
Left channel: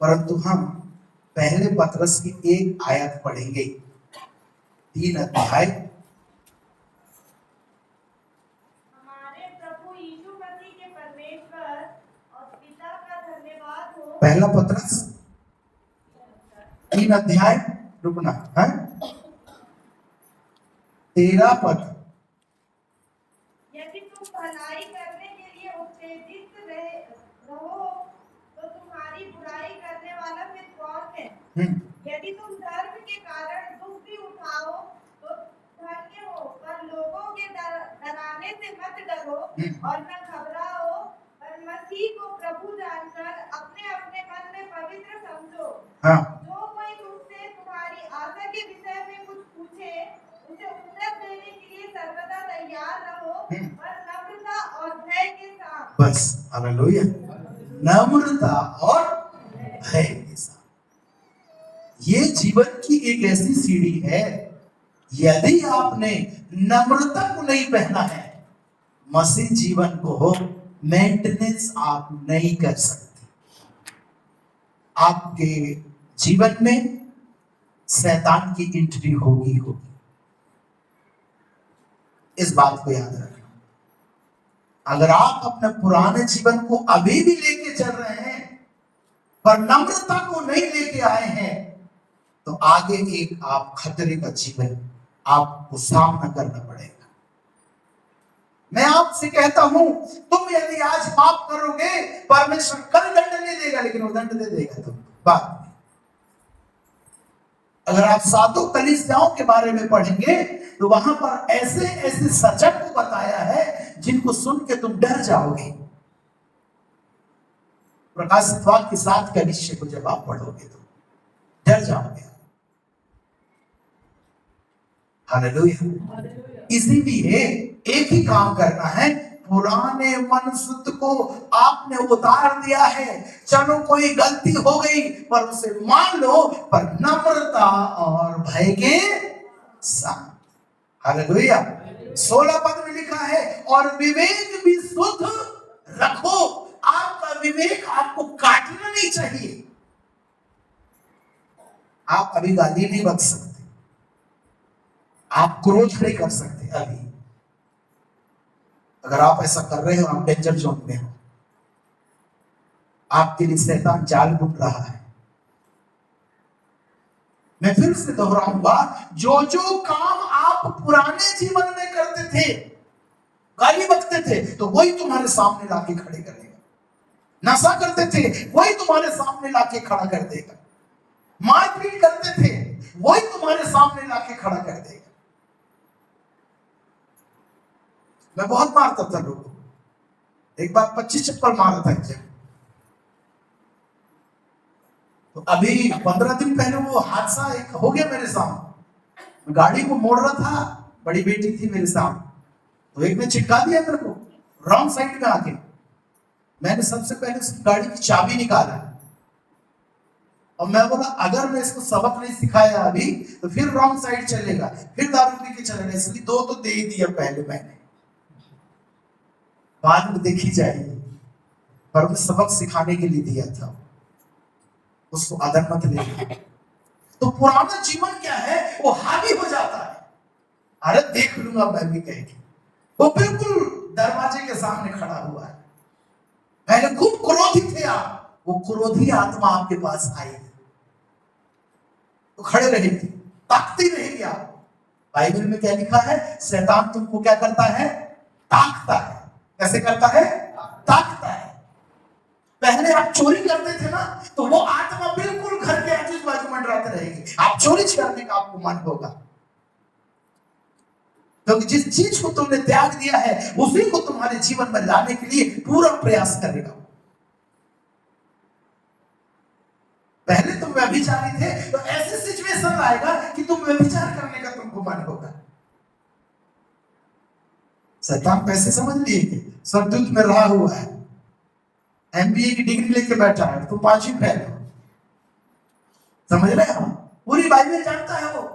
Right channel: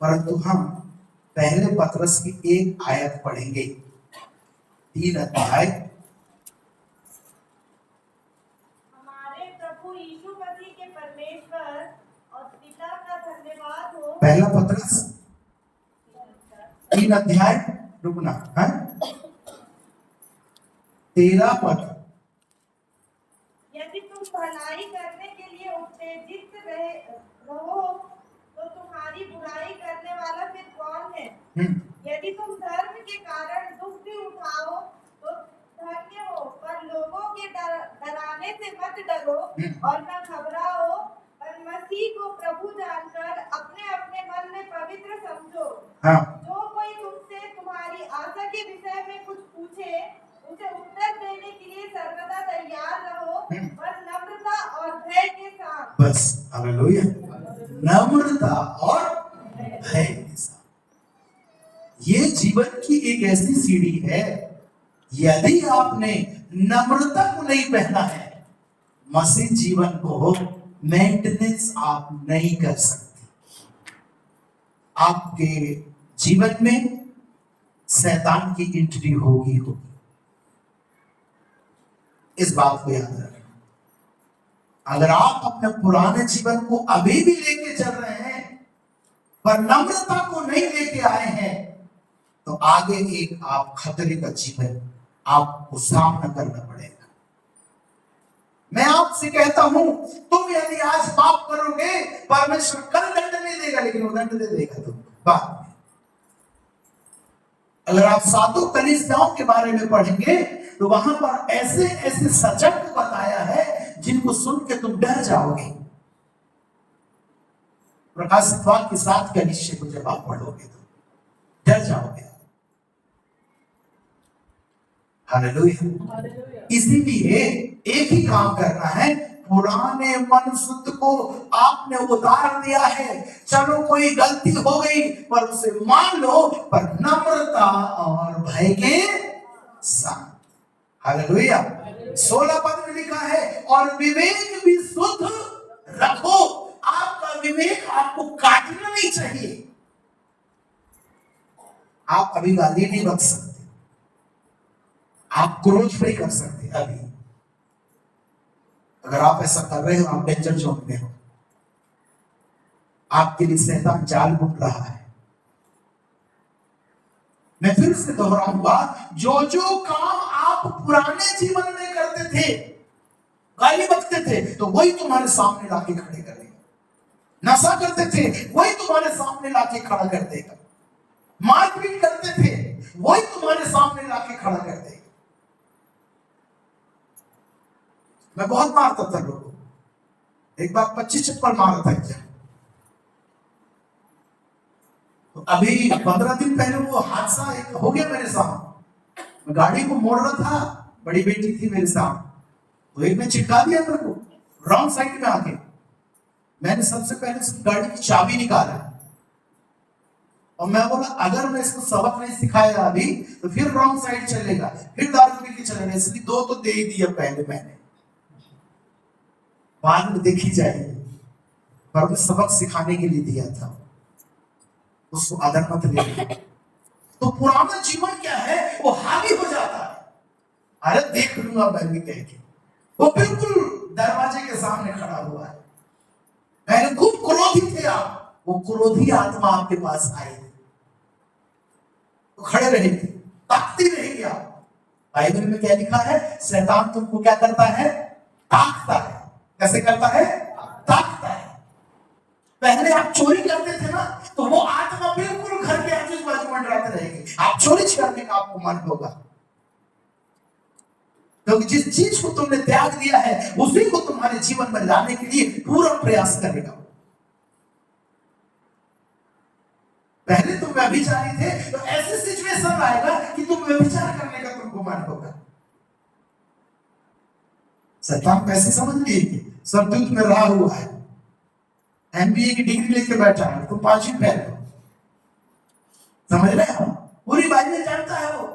परंतु हम पहले पत्रस की एक आयत पढ़ेंगे, 3 अध्याय। हमारे प्रभु यीशु मसीह के परमेश्वर और पिता का धन्यवाद हो। पहला पत्रस 3 अध्याय, रुकना है 13 पद। यदि तुम भलाई करने के लिए उत्तेजित रहो तो तुम्हारी बुराई करने वाला फिर कौन है? यदि तुम धर्म के कारण दुख भी उठाओ तो धन्य हो, पर लोगों के डराने से मत डरो और न घबराओ, पर मसीह को प्रभु जानकर अपने अपने मन में पवित्र समझो। जो कोई तुमसे तुम्हारी आशा के विषय में कुछ पूछे, उसे उत्तर देने के लिए सर्वदा तैयार रहो, पर ये जीवन की एक ऐसी सीढ़ी है, यदि आपने नम्रता को नहीं पहना है, मसीह जीवन को मेंटेनेंस आप नहीं कर सकते। आपके जीवन में शैतान की एंट्री होगी। इस बात को याद रखें। अगर आप अपने पुराने जीवन को अभी भी लेके चल रहे हैं पर नम्रता को नहीं लेके आए हैं, तो आगे एक आप खतरे का जीवन आपको सामना करना पड़ेगा। मैं आपसे कहता हूं, तुम यदि आज पाप करोगे, परमेश्वर कल दंड नहीं देगा, लेकिन वो दंड दे देगा तुम बाद में। अगर आप साधु कलीसियाओं के बारे में पढ़ेंगे तो वहां पर ऐसे ऐसे सचक को बताया है जिनको सुन के तुम डर जाओगे। प्रकाशित वाक्य के 7 कलीसिया को जब आप पढ़ोगे तो डर जाओगे। हालेलुया। इसीलिए एक ही काम करना है, पुराने मनुष्य को आपने उतार दिया है। चलो कोई गलती हो गई पर उसे मान लो, पर नम्रता और भय के साथ। हालेलुया। 16 पद में लिखा है, और विवेक भी शुद्ध रखो। आपका विवेक आपको काटना नहीं चाहिए। आप अभी गाली नहीं बक सकते, आप क्रोध नहीं कर सकते अभी। अगर आप ऐसा कर रहे हो, आप डेंजर जोन में हो। आपके लिए शैतान जाल बुन रहा है। मैं फिर से दोहराऊंगा, जो जो काम आप पुराने जीवन में करते थे, गाली बकते थे, तो वही तुम्हारे सामने लाके खड़े करेगा। नशा करते थे, वही तुम्हारे सामने लाके खड़ा कर देगा। मारपीट करते थे, वही तुम्हारे सामने लाके खड़ा कर देगा। मैं बहुत मारता था लोगों को, एक बार 25 चप्पल मारा था क्या। तो अभी 15 दिन पहले वो हादसा एक हो गया मेरे साथ। मैं गाड़ी को मोड़ रहा था, बड़ी बेटी थी मेरे साथ, तो एक ने चिपका दिया मेरे को रॉन्ग साइड में आके। मैंने सबसे पहले उसकी गाड़ी की चाबी निकाला और मैं बोला, अगर मैं इसको सबक नहीं सिखाया अभी तो फिर रॉन्ग साइड चलेगा, फिर दारू पी के चलेगा। इसलिए 2 तो दे ही दिया पहले मैंने, बाद में देखी जाएगी। पर मैं सबक सिखाने के लिए दिया था, उसको आदर मत लेना। तो पुराना जीवन क्या है, वो हावी हो जाता है। अरे देख लूंगा मैं भी कह के, वो बिल्कुल दरवाजे के सामने खड़ा हुआ है। पहले खूब क्रोधी थे आप, वो क्रोधी आत्मा आपके पास आई तो खड़े रहेगी, ताकती रहेगी आप। बाइबल में क्या लिखा है, शैतान तुमको क्या करता है, ताकता है। कैसे करता है, ताकता है। पहले आप चोरी करते थे ना, तो वो आत्मा बिल्कुल घर के आजू बाजू मंडराते रहेगी। आप चोरी करने का आपको मन होगा, क्योंकि जिस चीज को तुमने त्याग दिया है उसी को तुम्हारे जीवन में लाने के लिए पूरा प्रयास करेगा। पहले तुम व्यभिचारी थे, तो ऐसे सिचुएशन आएगा कि तुम व्यभिचार करने का तुमको मन होगा। शैतान कैसे समझ लिए कि सरदूत में रहा हुआ है, एमबीए की डिग्री लेके बैठा है, तुम 5वीं फेल हो। समझ रहे हो, पूरी बाइबल जानता है वो,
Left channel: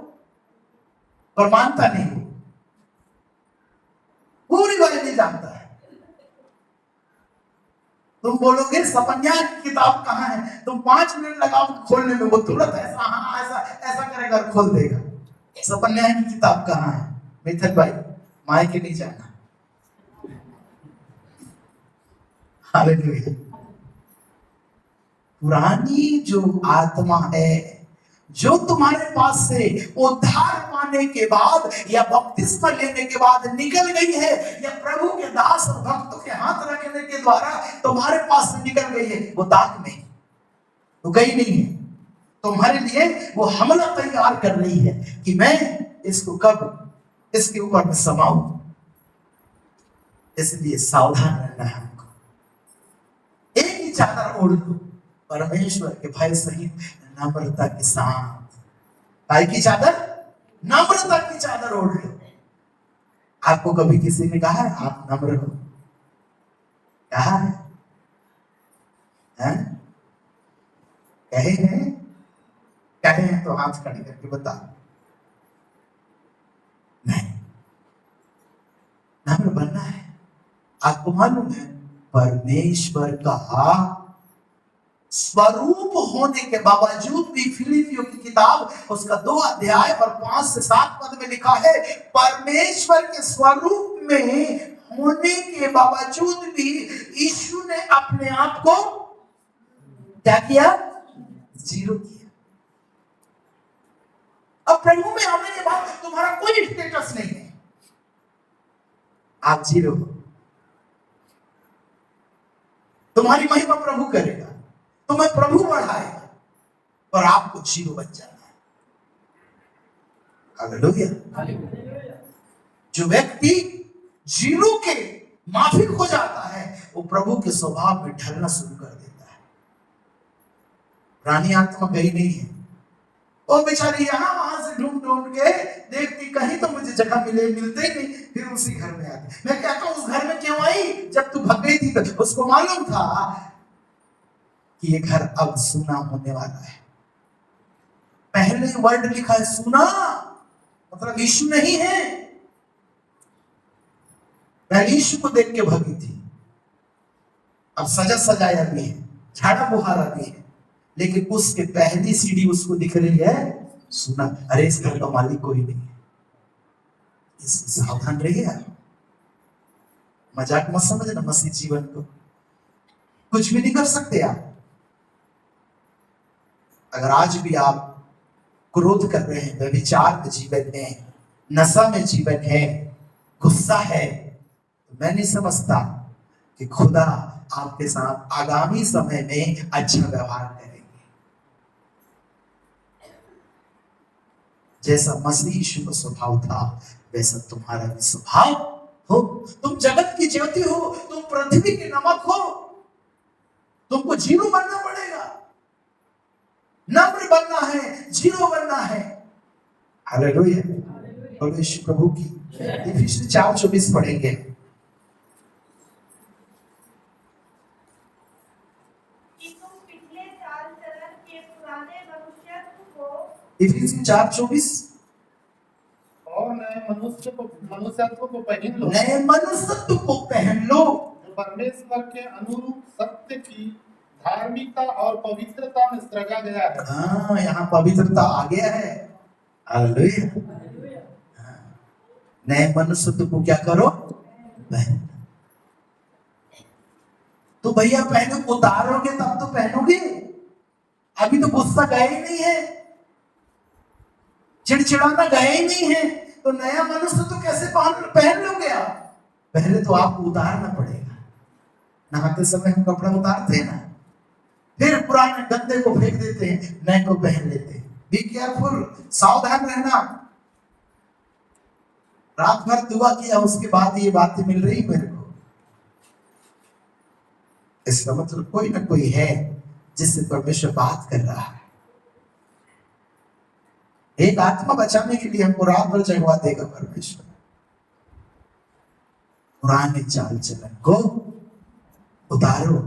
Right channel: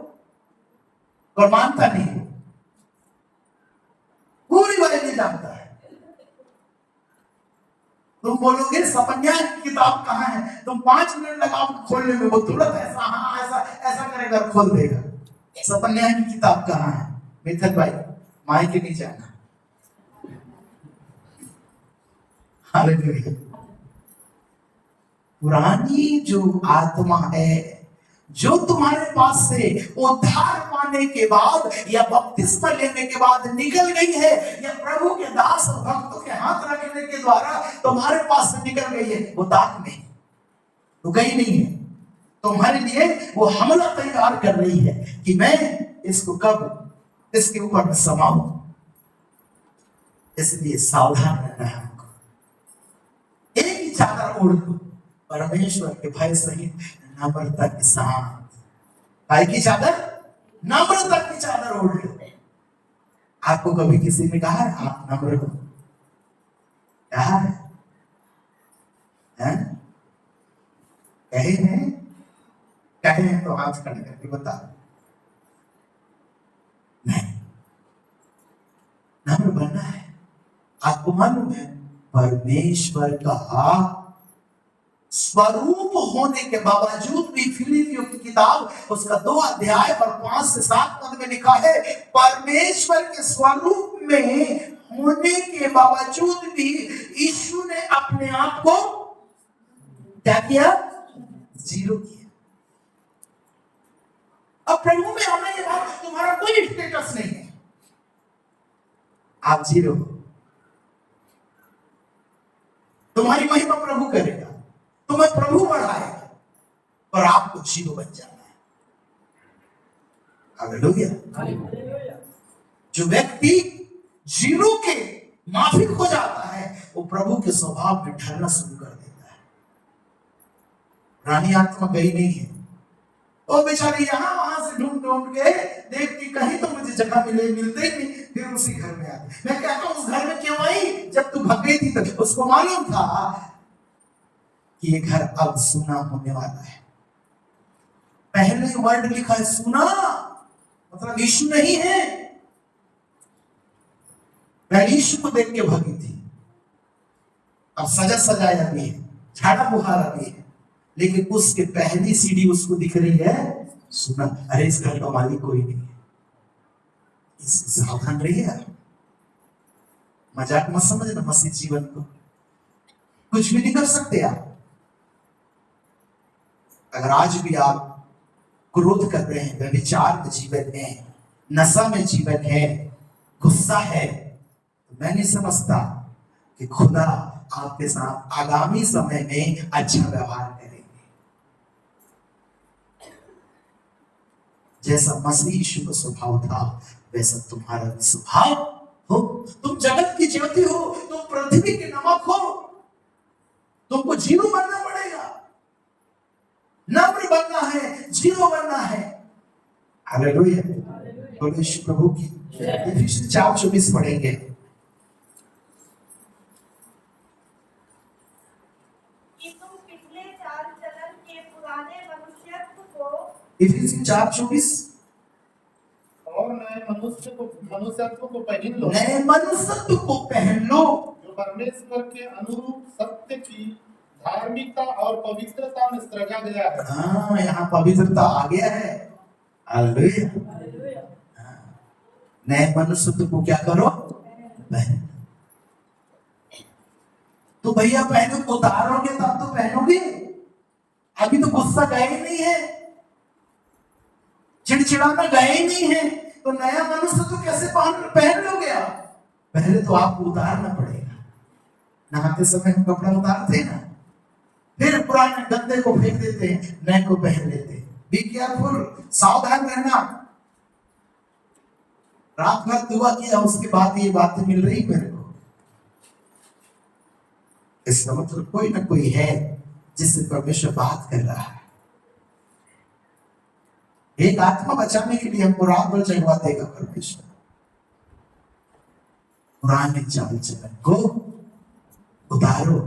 और मानता नहीं। पूरी बाइबल जानता है। तुम बोलोगे सपन्या की किताब कहाँ है, तुम 5 मिनट लगाओ खोलने में, वो तुरंत ऐसा हाँ ऐसा ऐसा करेगा, खोल देगा। सपन्या की किताब कहाँ है, मिथल भाई माय के नहीं जाना। हालेलुया। पुरानी जो आत्मा है, जो तुम्हारे पास से उद्धार पाने के बाद या बपतिस्मा लेने के बाद निकल गई है, या प्रभु के दास और भक्तों के हाथ रखने के द्वारा तुम्हारे पास से निकल गई है, वो दाग में तो गई नहीं है। तुम्हारे लिए वो हमला तैयार कर रही है कि मैं इसको कब इसके ऊपर में समाऊं। इसलिए सावधान रहना है। एक ही चादर ओढ़ लो, परमेश्वर के भय सहित नम्रता के साथ। भाई की चादर, नम्रता की चादर ओढ़ लो। आपको कभी किसी ने कहा है आप नम्र हो? कहा है? कहे हैं? कहे रहे हैं तो हाथ खड़े करके बता। नहीं, हमें बनना है। आपको मालूम है परमेश्वर का स्वरूप होने के बावजूद भी फिलिपियों की किताब उसका 2 अध्याय और 5 से 7 पद में लिखा है, परमेश्वर के स्वरूप में होने के बावजूद भी यीशु ने अपने आप को क्या किया? जीरो किया। अब प्रभु में आने के बाद तुम्हारा कोई स्टेटस नहीं है, आप जीरो। तुम्हारी महिमा प्रभु करेगा, तुम्हें प्रभु बढ़ाएगा, और आपको जीरो बन जाना है। हालेलुया। जो व्यक्ति जीरो के माफिक हो जाता है वो प्रभु के स्वभाव में ढलना शुरू कर देता है। रानी आत्मा गई नहीं है, वो बेचारी यहाँ वहां से ढूंढ ढूंढ के देखती कहीं तो मुझे जगह मिलते नहीं, फिर उसी घर में आती। मैं कहता हूँ उस घर में क्यों आई? जब तू भाग गई थी तो उसको मालूम था कि ये घर अब सुना होने वाला है। पहले वर्ड लिखा है सुना, मतलब यीशु नहीं है। पहले यीशु को देख के भागी थी, अब सजा सजाया भी है, झाड़ा बुहारा भी है, लेकिन उसके पहली सीढ़ी उसको दिख रही है सुना। अरे इस घर का मालिक कोई नहीं है, इससे सावधान रहिए आप। मजाक मत समझना मसीह जीवन को, कुछ भी नहीं कर सकते आप। अगर आज भी आप क्रोध कर रहे हैं, व्यभिचार के जीवन में, नशा में जीवन है, गुस्सा है, तो मैं नहीं समझता कि खुदा आपके साथ आगामी समय में अच्छा व्यवहार करेंगे। जैसा मसीह यीशु का स्वभाव था वैसा तुम्हारा भी स्वभाव हो। तुम जगत की ज्योति हो, तुम पृथ्वी के नमक हो, तुमको जीरो बनना पड़ेगा, नम्र बनना है, जीरो बनना है। हालेलुया, परमेश्वर प्रभु की। इफिसियंस 4:24 पढ़ेंगे। इफिसियंस 4:24 और नए मनुष्यत्व को पहन लो। नए मनुष्यत्व को पहन लो, जो परमेश्वर के अनुरूप सत्य की धार्मिकता और पवित्रता में सृजा गया है। हाँ, यहाँ पवित्रता आ गया है। हालेलुया। नए मनुष्यत्व को क्या करो? पहन। तो भैया पहनो, उतारोगे तब तो पहनोगे। अभी तो गुस्सा गया ही नहीं है, चिड़चिड़ाना गया ही नहीं है, तो नया मनुष्य तो कैसे पहन लोगे आप? पहले तो आपको उतारना पड़ेगा। नहाते समय हम कपड़ा उतारते हैं ना, फिर पुराने गंदे को फेंक देते हैं, नए को पहन लेते हैं। बी केयरफुल, सावधान रहना। रात भर दुआ किया, उसके बाद ये बातें मिल रही मेरे को, इसका मतलब कोई ना कोई है जिससे परमेश्वर बात कर रहा है। एक आत्मा बचाने के लिए हमको रात भर जगवा देगा परमेश्वर। पुराने चाल चलन को उतारो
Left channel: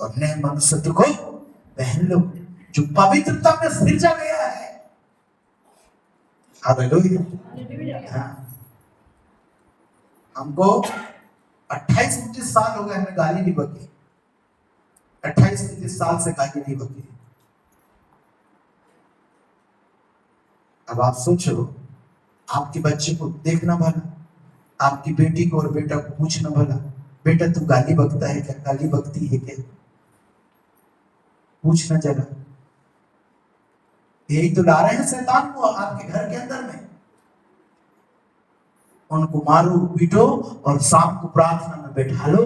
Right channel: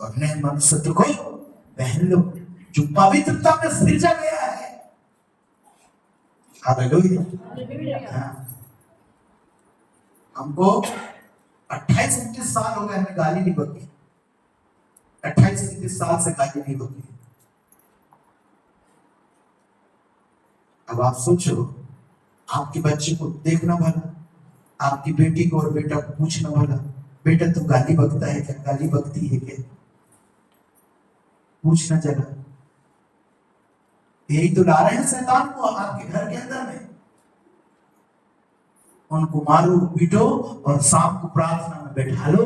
और नए मनुष्यत्व को पहन लो, जो पवित्रता में सृजा गया है। हालेलुया। हमको 28-29 साल हो गए, हमें गाली नहीं बकी। 28-29 साल से गाली नहीं बकी। अब आप सोचो, आपके बच्चे को देखना भला, आपकी बेटी को और बेटा को पूछना भला, बेटा तू गाली बकता है क्या, गाली बकती है क्या? पूछना जरा। यही तो ला रहे हैं शैतान को आपके घर के अंदर में। उनको मारो, पीटो और शाम को प्रार्थना में बैठा लो,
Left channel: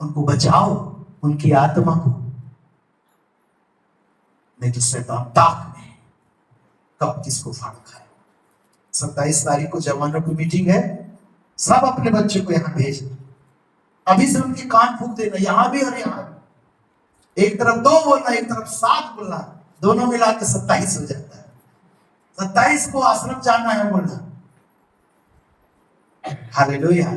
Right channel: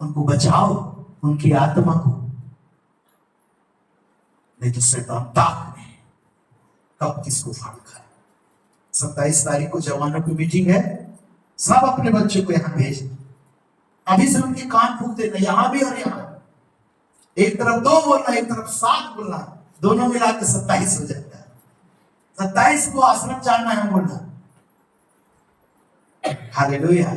उनको बचाओ, उनकी आत्मा को। नहीं तो शैतान ताक में कब किसको फाड़ खाए। 27 तारीख को जवानों की मीटिंग है, सब अपने बच्चों को यहाँ भेज, अभी से उनके कान फूंक देना, यहाँ भी और यहाँ भी। एक तरफ 2 बोलना, एक तरफ 7 बोलना, दोनों मिला के 27 हो जाता है। 27 को आश्रम जाना है बोलना। हालेलुया।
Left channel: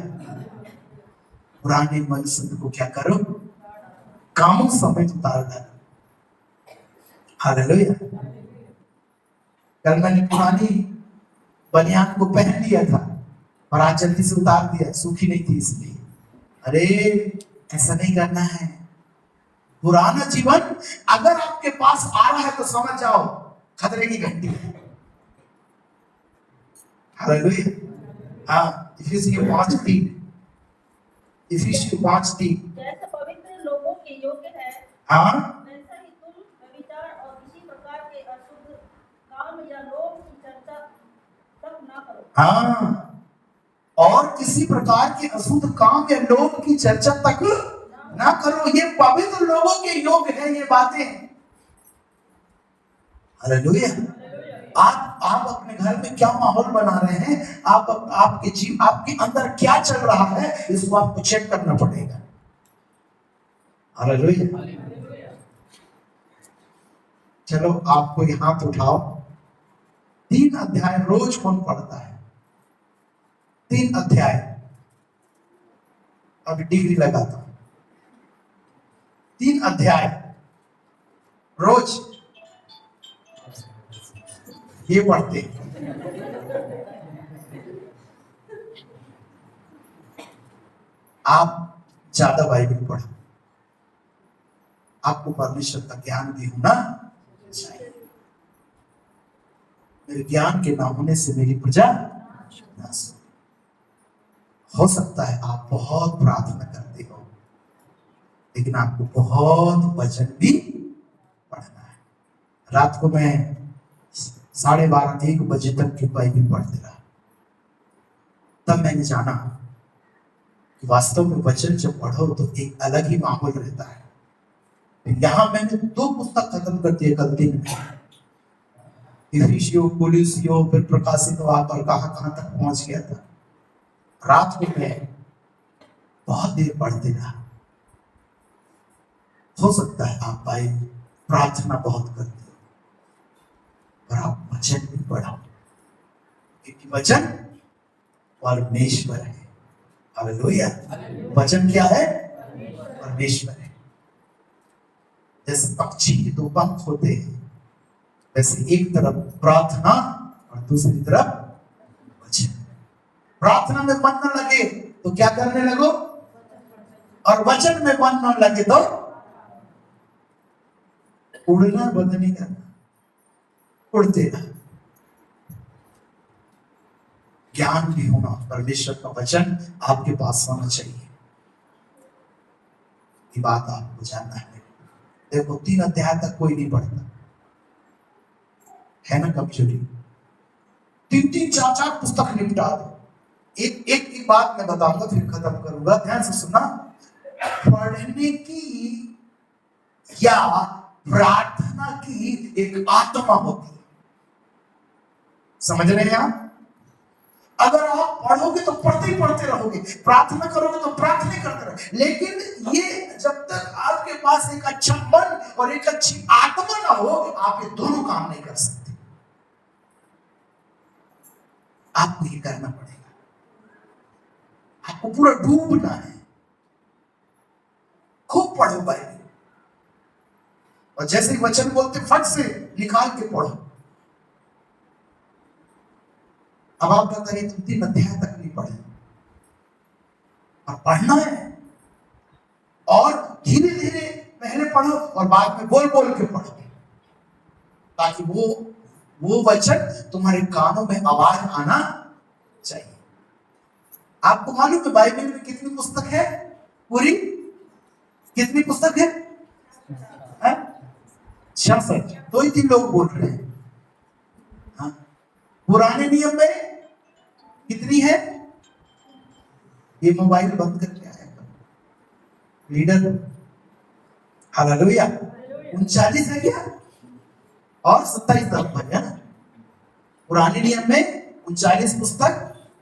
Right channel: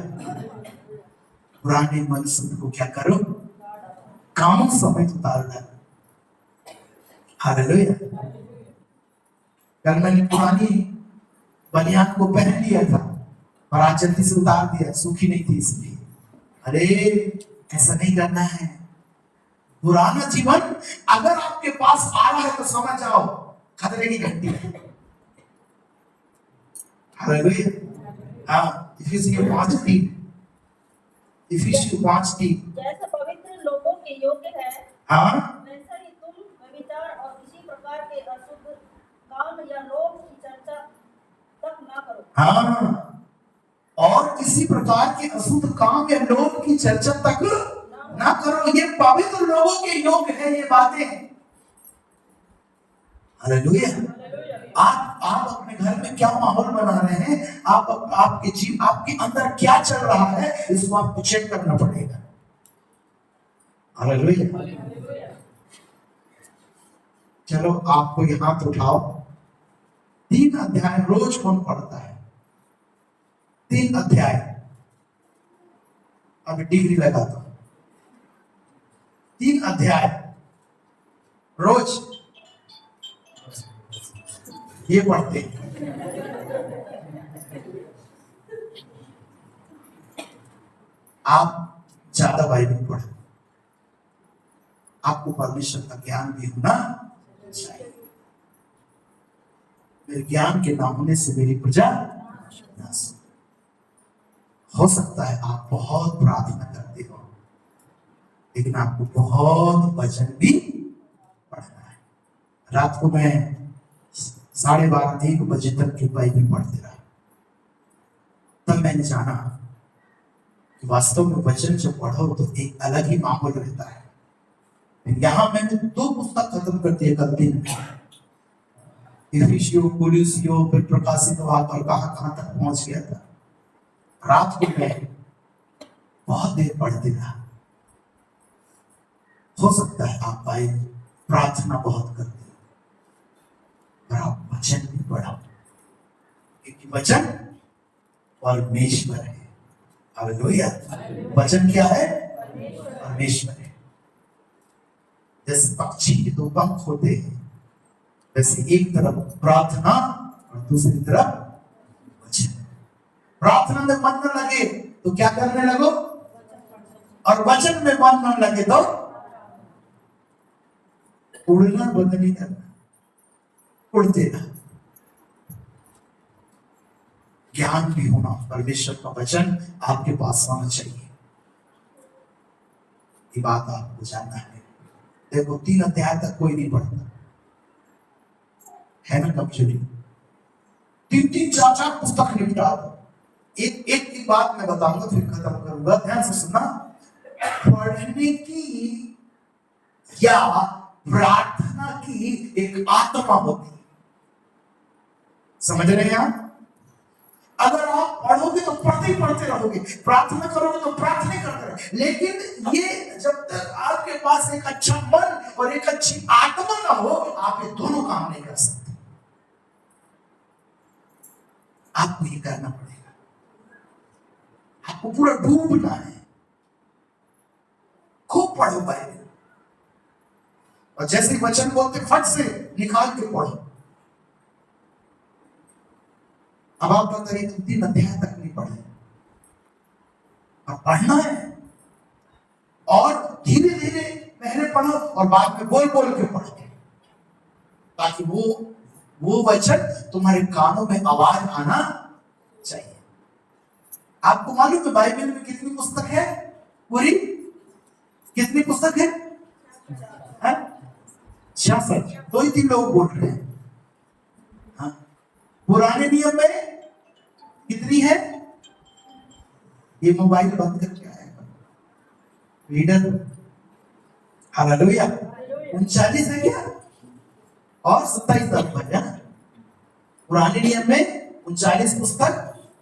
पुराने मनुष्य को क्या करो? कामों समेत उतार डालो। हालेलुया। कल मैंने पुरानी बनियान को पहन लिया था और आज जल्दी से उतार दिया, सूखी नहीं थी इसलिए। अरे ऐसा नहीं करना है। पुराना जीवन अगर आपके पास आ रहा है तो समझ जाओ खतरे की घंटी है। हालेलुया। हाँ, इफिसियों 5:3, इफिसियों 5:3। जैसे पवित्र लोगों के योग्य है, हाँ, वैसा ही तुम व्यभिचार और किसी प्रकार के अशुद्ध काम या लोभ की चर्चा तक ना करो। हाँ, और किसी प्रकार के अशुद्ध काम या लोभ की चर्चा तक ना करो। ये पवित्र लोगों के योग है ये बातें। हालेलुया। आप अपने घर में क्या माहौल बना रहे हैं, आपके अंदर क्या चल रहा है, इसको आपको चेक करना पड़ेगा। हालेलुया। चलो आपको यहां तो उठाओ। 3 अध्याय रोज कौन पढ़ता है? 3 अध्याय। अभी डिग्री लगाता हूं। 3 अध्याय रोज ये पढ़ते हैं। आप ज्यादा बाइबल पढ़ो, आपको परमेश्वर का ज्ञान भी होना चाहिए। मेरे ज्ञान के ना होने से मेरी प्रजा नाश हो सकता है। आप बहुत प्रार्थना करते हो, लेकिन आपको बहुत वचन भी पढ़ना है। रात को मैं 12:30-1 बजे तक की बाइबल पढ़ते रहा। तब मैंने जाना कि वास्तव में वचन जब पढ़ो तो एक अलग ही माहौल रहता है। यहाँ मैंने 2 पुस्तक खत्म कर दिए कल दिन में, इफिसियों, कोलोसियों, फिर प्रकाशित वाक्य, कहां तक पहुंच गया था। रात को मैं बहुत देर पढ़ते रहा। हो सकता है आप बाइबल प्रार्थना बहुत करते हो और आप वचन भी पढ़ो, क्योंकि वचन परमेश्वर है। हालेलुया। वचन क्या है? परमेश्वर है। जैसे पक्षी के 2 पंख होते हैं, वैसे एक तरफ प्रार्थना और दूसरी तरफ वचन। प्रार्थना में मन न लगे तो क्या करने लगो, और वचन में मन न लगे तो उड़ना बंद नहीं करना, उड़ते रहो। ज्ञान भी होना, परमेश्वर का वचन आपके पास होना चाहिए। ये बात आपको जानना है। देखो 3 अध्याय तक कोई नहीं पढ़ता है ना, कमजोरी। 3-3, 4-4 पुस्तक निपटा दो। एक बात मैं बताऊंगा फिर खत्म करूंगा, ध्यान से सुनना। पढ़ने की या प्रार्थना की एक आत्मा होती है, समझ रहे हैं आप? अगर आप पढ़ोगे तो पढ़ते ही पढ़ते रहोगे, प्रार्थना करोगे तो प्रार्थना करते रहोगे, लेकिन ये जब तक आपके पास एक अच्छा मन और एक अच्छी आत्मा ना हो, आप ये दोनों काम नहीं कर सकते। आपको ये करना पड़ेगा, आपको पूरा डूबना है। खूब पढ़ो बाइबल, और जैसे ही वचन बोलते फट से निकाल के पढ़ो। अब आप बताइए, तुम 3 अध्याय तक नहीं पढ़े, अब पढ़ना है, और धीरे धीरे पहले पढ़ो और बाद में बोल बोल के पढ़ो, ताकि वो वचन तुम्हारे कानों में आवाज आना चाहिए। आपको मालूम है बाइबल में कितनी पुस्तक है? पूरी कितनी पुस्तक है? 66। 2-3 लोग बोल रहे हैं। हाँ? पुराने नियम में कितनी है? ये मोबाइल बंद करके आएगा रीडर। हालेलुया। 39 है क्या? और 27 नंबर है ना। पुराने नियम में 39 पुस्तक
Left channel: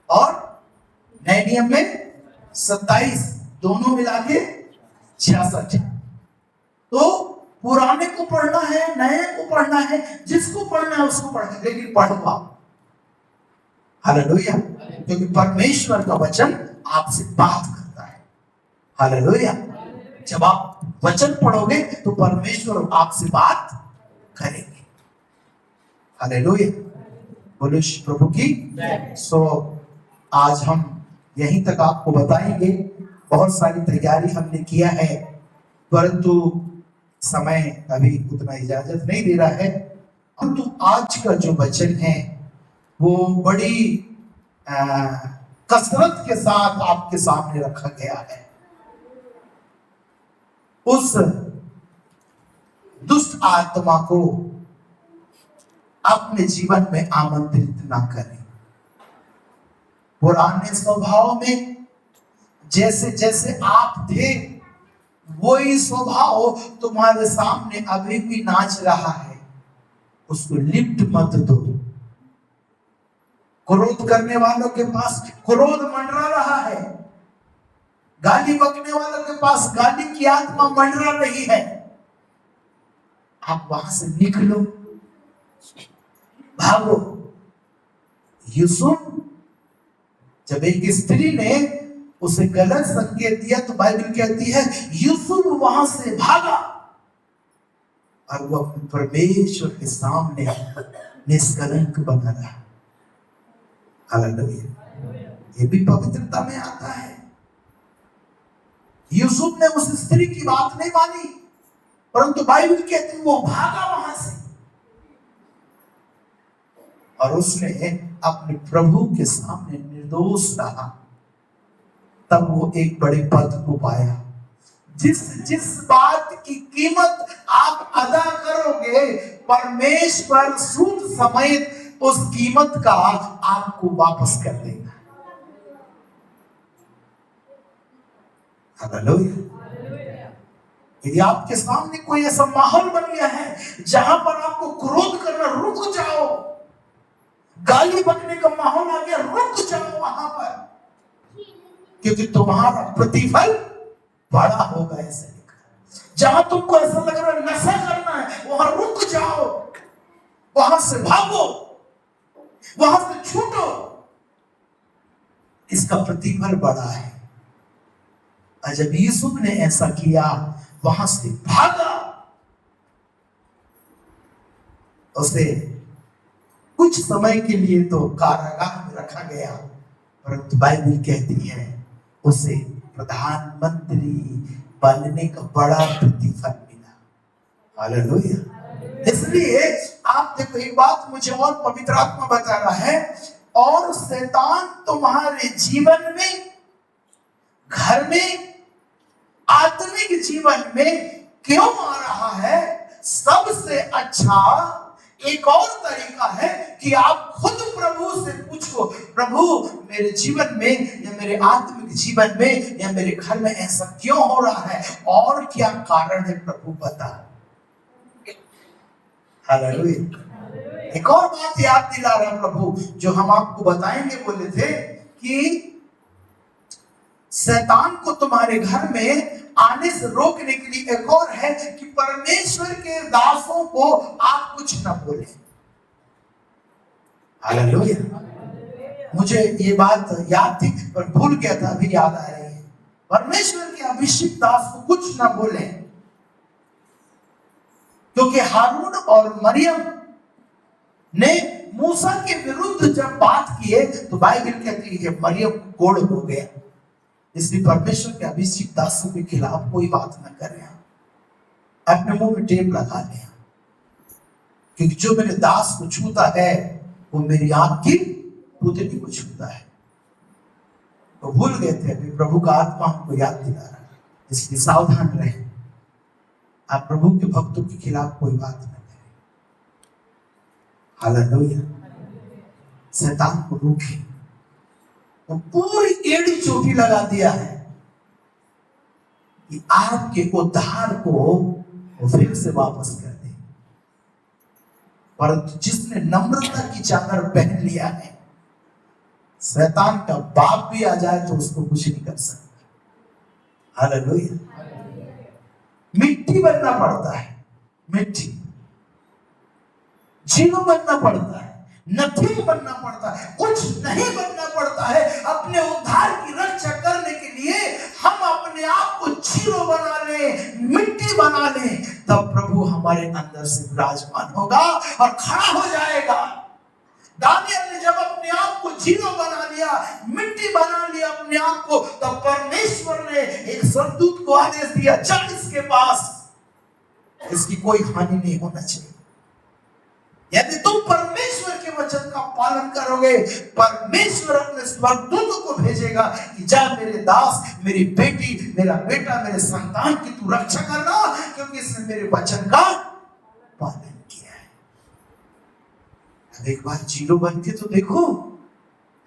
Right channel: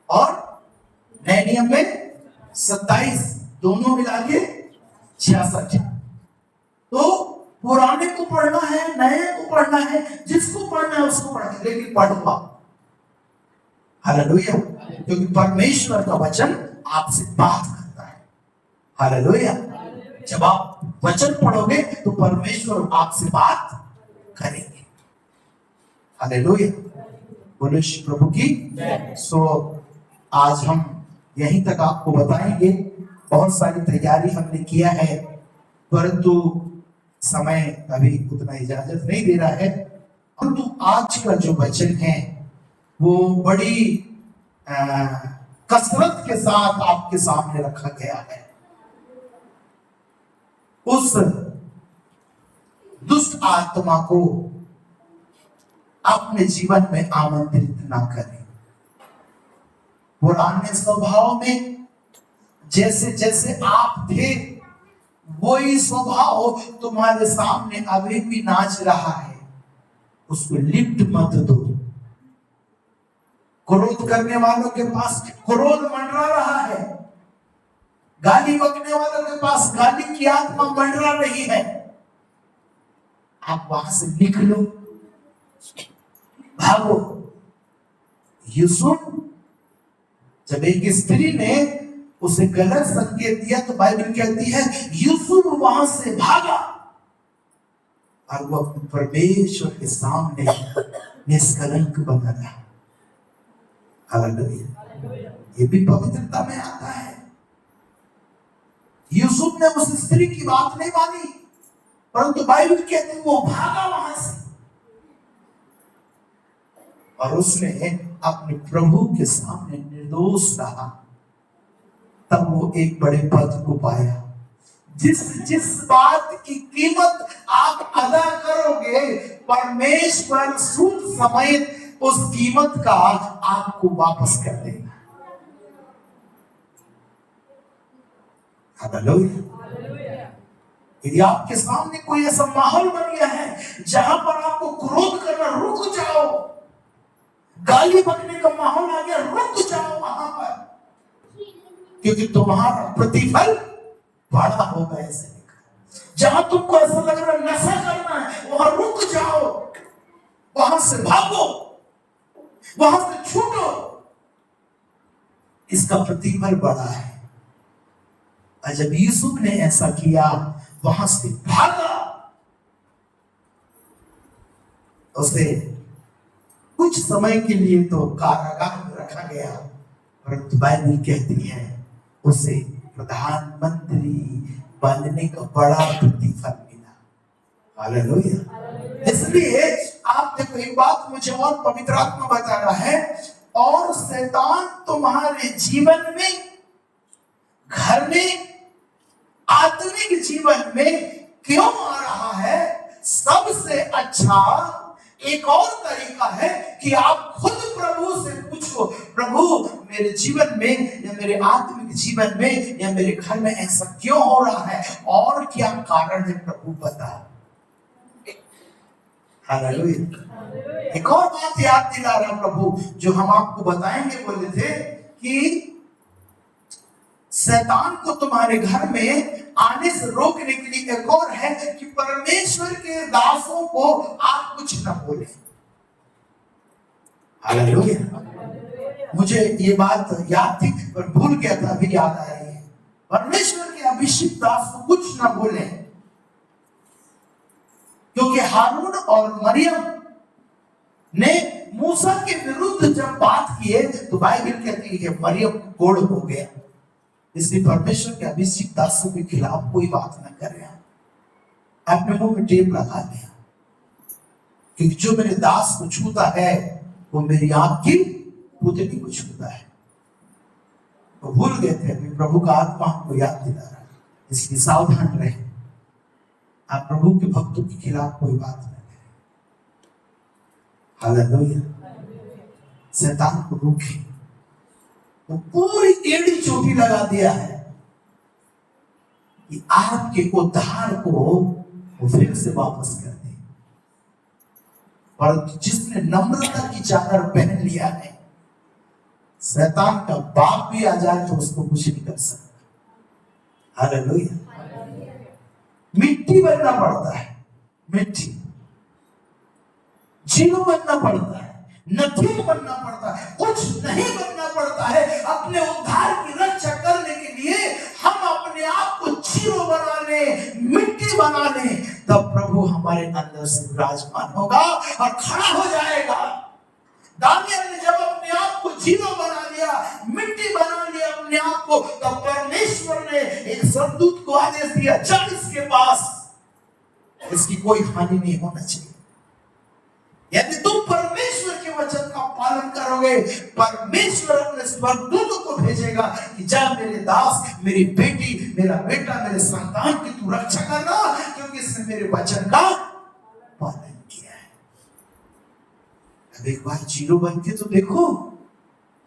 और नए नियम में 27, दोनों मिला के 66। तो पुराने को पढ़ना है, नए को पढ़ना है, जिसको पढ़ना है उसको पढ़ना है, लेकिन पढ़ो आप। हालेलुया। क्योंकि परमेश्वर का वचन आपसे बात करता है। हालेलुया। जब आप वचन पढ़ोगे तो परमेश्वर आपसे बात करेंगे। हालेलुया, बोलो प्रभु की। सो आज हम यहीं तक आपको बताएंगे। बहुत सारी तैयारी हमने किया है, परंतु समय अभी उतना इजाजत नहीं दे रहा है। परंतु आज का जो वचन है वो बड़ी कसरत के साथ आपके सामने रखा गया है। उस दुष्ट आत्मा को अपने जीवन में आमंत्रित ना करें। पुराने स्वभाव में जैसे जैसे आप थे वही स्वभाव तुम्हारे सामने अभी भी नाच रहा है, उसको लिफ्ट मत दो। क्रोध करने वालों के पास क्रोध मंडरा रहा है, गाली बकने वालों के पास गाली की आत्मा मंडरा रही है। आप वहां से निकलो, भागो। यूसुफ, जब एक स्त्री ने उसे गलत संकेत दिया तो बाइबल कहती है यूसुफ वहां से भागा और वो परमेश्वर के सामने निष्कलंक बना रहा। हालेलुया, ये भी पवित्रता में आता है। यूसुफ ने उस स्त्री की बात नहीं मानी, परंतु बाइबल कहती है वो भागा वहां से और उसने अपने प्रभु के सामने निर्दोष रहा। तब वो एक बड़े पद को पाया। जिस जिस बात की कीमत आप अदा करोगे, परमेश्वर सूद समेत उस कीमत का आपको वापस कर देगा। हालेलुया। यदि आपके सामने कोई ऐसा माहौल बन गया है जहां पर आपको क्रोध करना, रुक जाओ। गाली बकने का माहौल आ गया, रुक जाओ वहां पर, क्योंकि तुम्हारा प्रतिफल बड़ा होगा। ऐसे जहां तुमको ऐसा लग रहा है नशा करना है, वहां रुक जाओ, वहां से भागो, वहां से छूटो। इसका प्रतिफल बड़ा है। और जब यूसुफ ने ऐसा किया, वहां से भागा, उसे कुछ समय के लिए तो कारागार में रखा गया, परंतु बाइबल कहती है उसे प्रधानमंत्री बनने का बड़ा प्रतिफल मिला। हालेलुया। इसलिए आप देखो, एक बात मुझे और पवित्र आत्मा बता रहा है, और शैतान तुम्हारे जीवन में, घर में, आत्मिक जीवन में क्यों आ रहा है? सबसे अच्छा एक और तरीका है कि आप खुद प्रभु से पूछो, प्रभु मेरे जीवन में या मेरे आत्मिक जीवन में या मेरे घर में ऐसा क्यों हो रहा है, और क्या कारण है प्रभु बता। हालेलुया। एक और बात याद दिला रहा है प्रभु, जो हम आपको बताएंगे। बोले थे कि शैतान को तुम्हारे घर में आने से रोकने के लिए एक और है कि परमेश्वर के दासों को आप कुछ न बोले। हालेलुया। मुझे ये बात याद थी पर भूल गया था, अभी याद आ रही है। परमेश्वर के अभिषिक्त दास को कुछ न बोले, क्योंकि हारून और मरियम ने मूसा के विरुद्ध जब बात किए तो बाइबल कहती है मरियम को कोढ़ हो गया। इसलिए परमेश्वर के अभिषिक्त दासों के खिलाफ कोई बात न कर रहा, अपने मुंह में टेप लगा लिया, क्योंकि जो मेरे दास को छूता है वो मेरी आंख की पुतली को छूता है। वो भूल गए थे, अभी प्रभु का आत्मा हमको याद दिला रहा है। इसलिए सावधान रहे, आप प्रभु के भक्तों के खिलाफ कोई बात न करें। हालेलुया। शैतान को रोके, तो पूरी एड़ी चोटी लगा दिया है कि आपके उद्धार को वो फिर से वापस कर दे। परंतु जिसने नम्रता की चादर पहन लिया है, शैतान का बाप भी आ जाए तो उसको कुछ नहीं कर सकता। हालेलुया। मिट्टी बनना पड़ता है, मिट्टी, जीव बनना पड़ता है, नथी बनना पड़ता है, कुछ नहीं बनना पड़ता है। अपने उद्धार की रक्षा करने के लिए हम अपने आप को जीरो बना ले, मिट्टी बना ले, तब प्रभु हमारे अंदर से विराजमान होगा और खड़ा हो जाएगा। दानियल ने जब अपने आप को जीरो बना लिया, मिट्टी बना लिया अपने आप को, तब परमेश्वर ने एक स्वर्गदूत को आदेश दिया, जा इसके पास, इसकी कोई हानि नहीं होना चाहिए। यदि तुम परमेश्वर के वचन का पालन करोगे, परमेश्वर अपने स्वर्गदूत को भेजेगा कि जा मेरे दास, मेरी बेटी, मेरा बेटा, मेरे संतान की तू रक्षा करना, क्योंकि इसने मेरे वचन का पालन किया है। अब एक बार जीरो बन के तो देखो,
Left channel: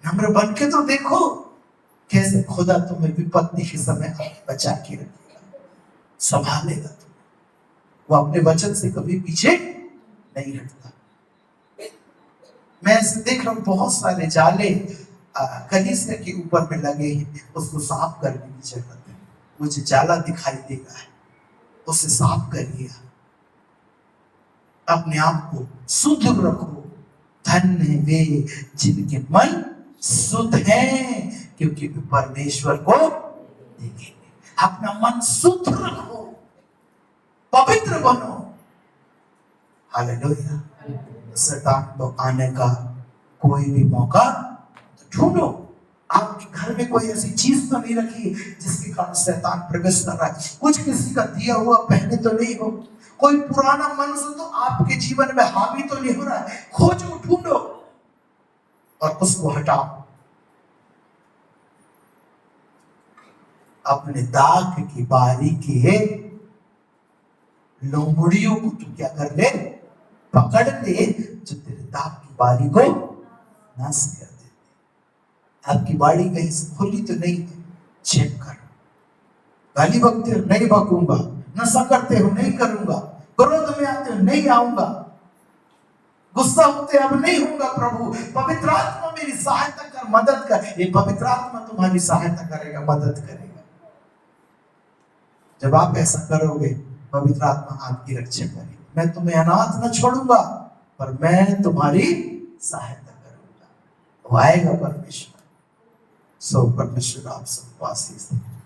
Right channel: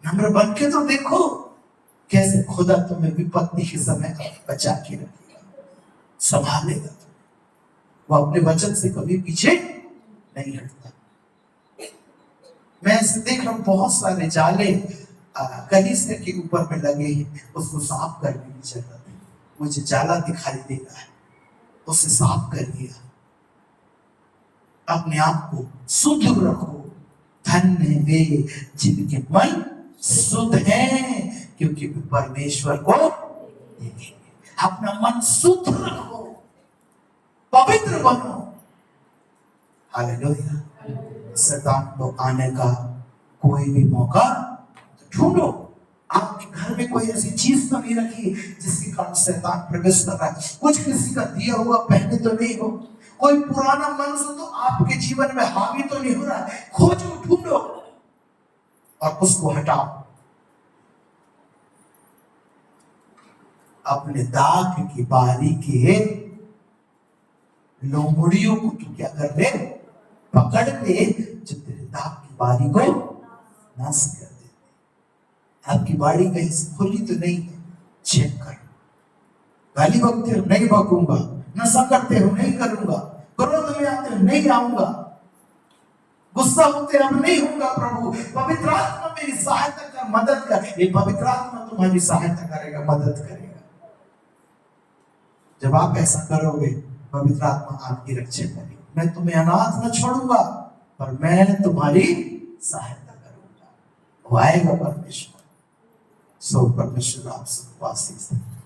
नंबर बन के तो देखो, कैसे खुदा तुम्हें विपत्ति के समय बचा के रखेगा, संभालेगा। वो अपने वचन से कभी पीछे नहीं हटता। मैं ऐसे देख रहा हूं बहुत सारे जाले कलीसिया के ऊपर में लगे हैं, उसको साफ करने की जरूरत है। मुझे जाला दिखाई देगा है, उसे साफ करिए, अपने आप को शुद्ध रखो। धन्य वे जिनके मन शुद्ध हैं, क्योंकि वे परमेश्वर को देखेंगे। अपना मन शुद्ध रखो, पवित्र बनो। हालेलुया। शैतान को आने का कोई भी मौका ढूंढो। आपके घर में कोई ऐसी चीज तो नहीं रखी जिसके कारण शैतान प्रवेश कर रहा है। कुछ किसी का दिया हुआ पहने तो नहीं हो, कोई पुराना मनुष्य तो आपके जीवन में हावी तो नहीं हो रहा है। खोजो, ढूंढो और उसको हटाओ। अपने दाग की बारी के लोमड़ियों को तू क्या कर ले, पकड़ ले, जो तेरे दाग की बारी को नाश कर दे। आपकी बाड़ी कहीं से खुली तो नहीं, चेक कर। गाली बकते हो, नहीं बकूंगा। नशा करते हो, नहीं करूंगा। क्रोध में आते हो, नहीं आऊंगा। गुस्सा होते अब नहीं होगा। प्रभु पवित्र आत्मा मेरी सहायता कर, मदद कर। ये पवित्र आत्मा तुम्हारी सहायता करेगा, मदद करेगा। जब आप ऐसा करोगे, पवित्र आत्मा आपकी रक्षा करेगी। मैं तुम्हें अनाथ न छोड़ूंगा, पर मैं तुम्हारी सहायता करूंगा। वो आएगा परमेश्वर। सो परमेश्वर आप सबको आशीष दे।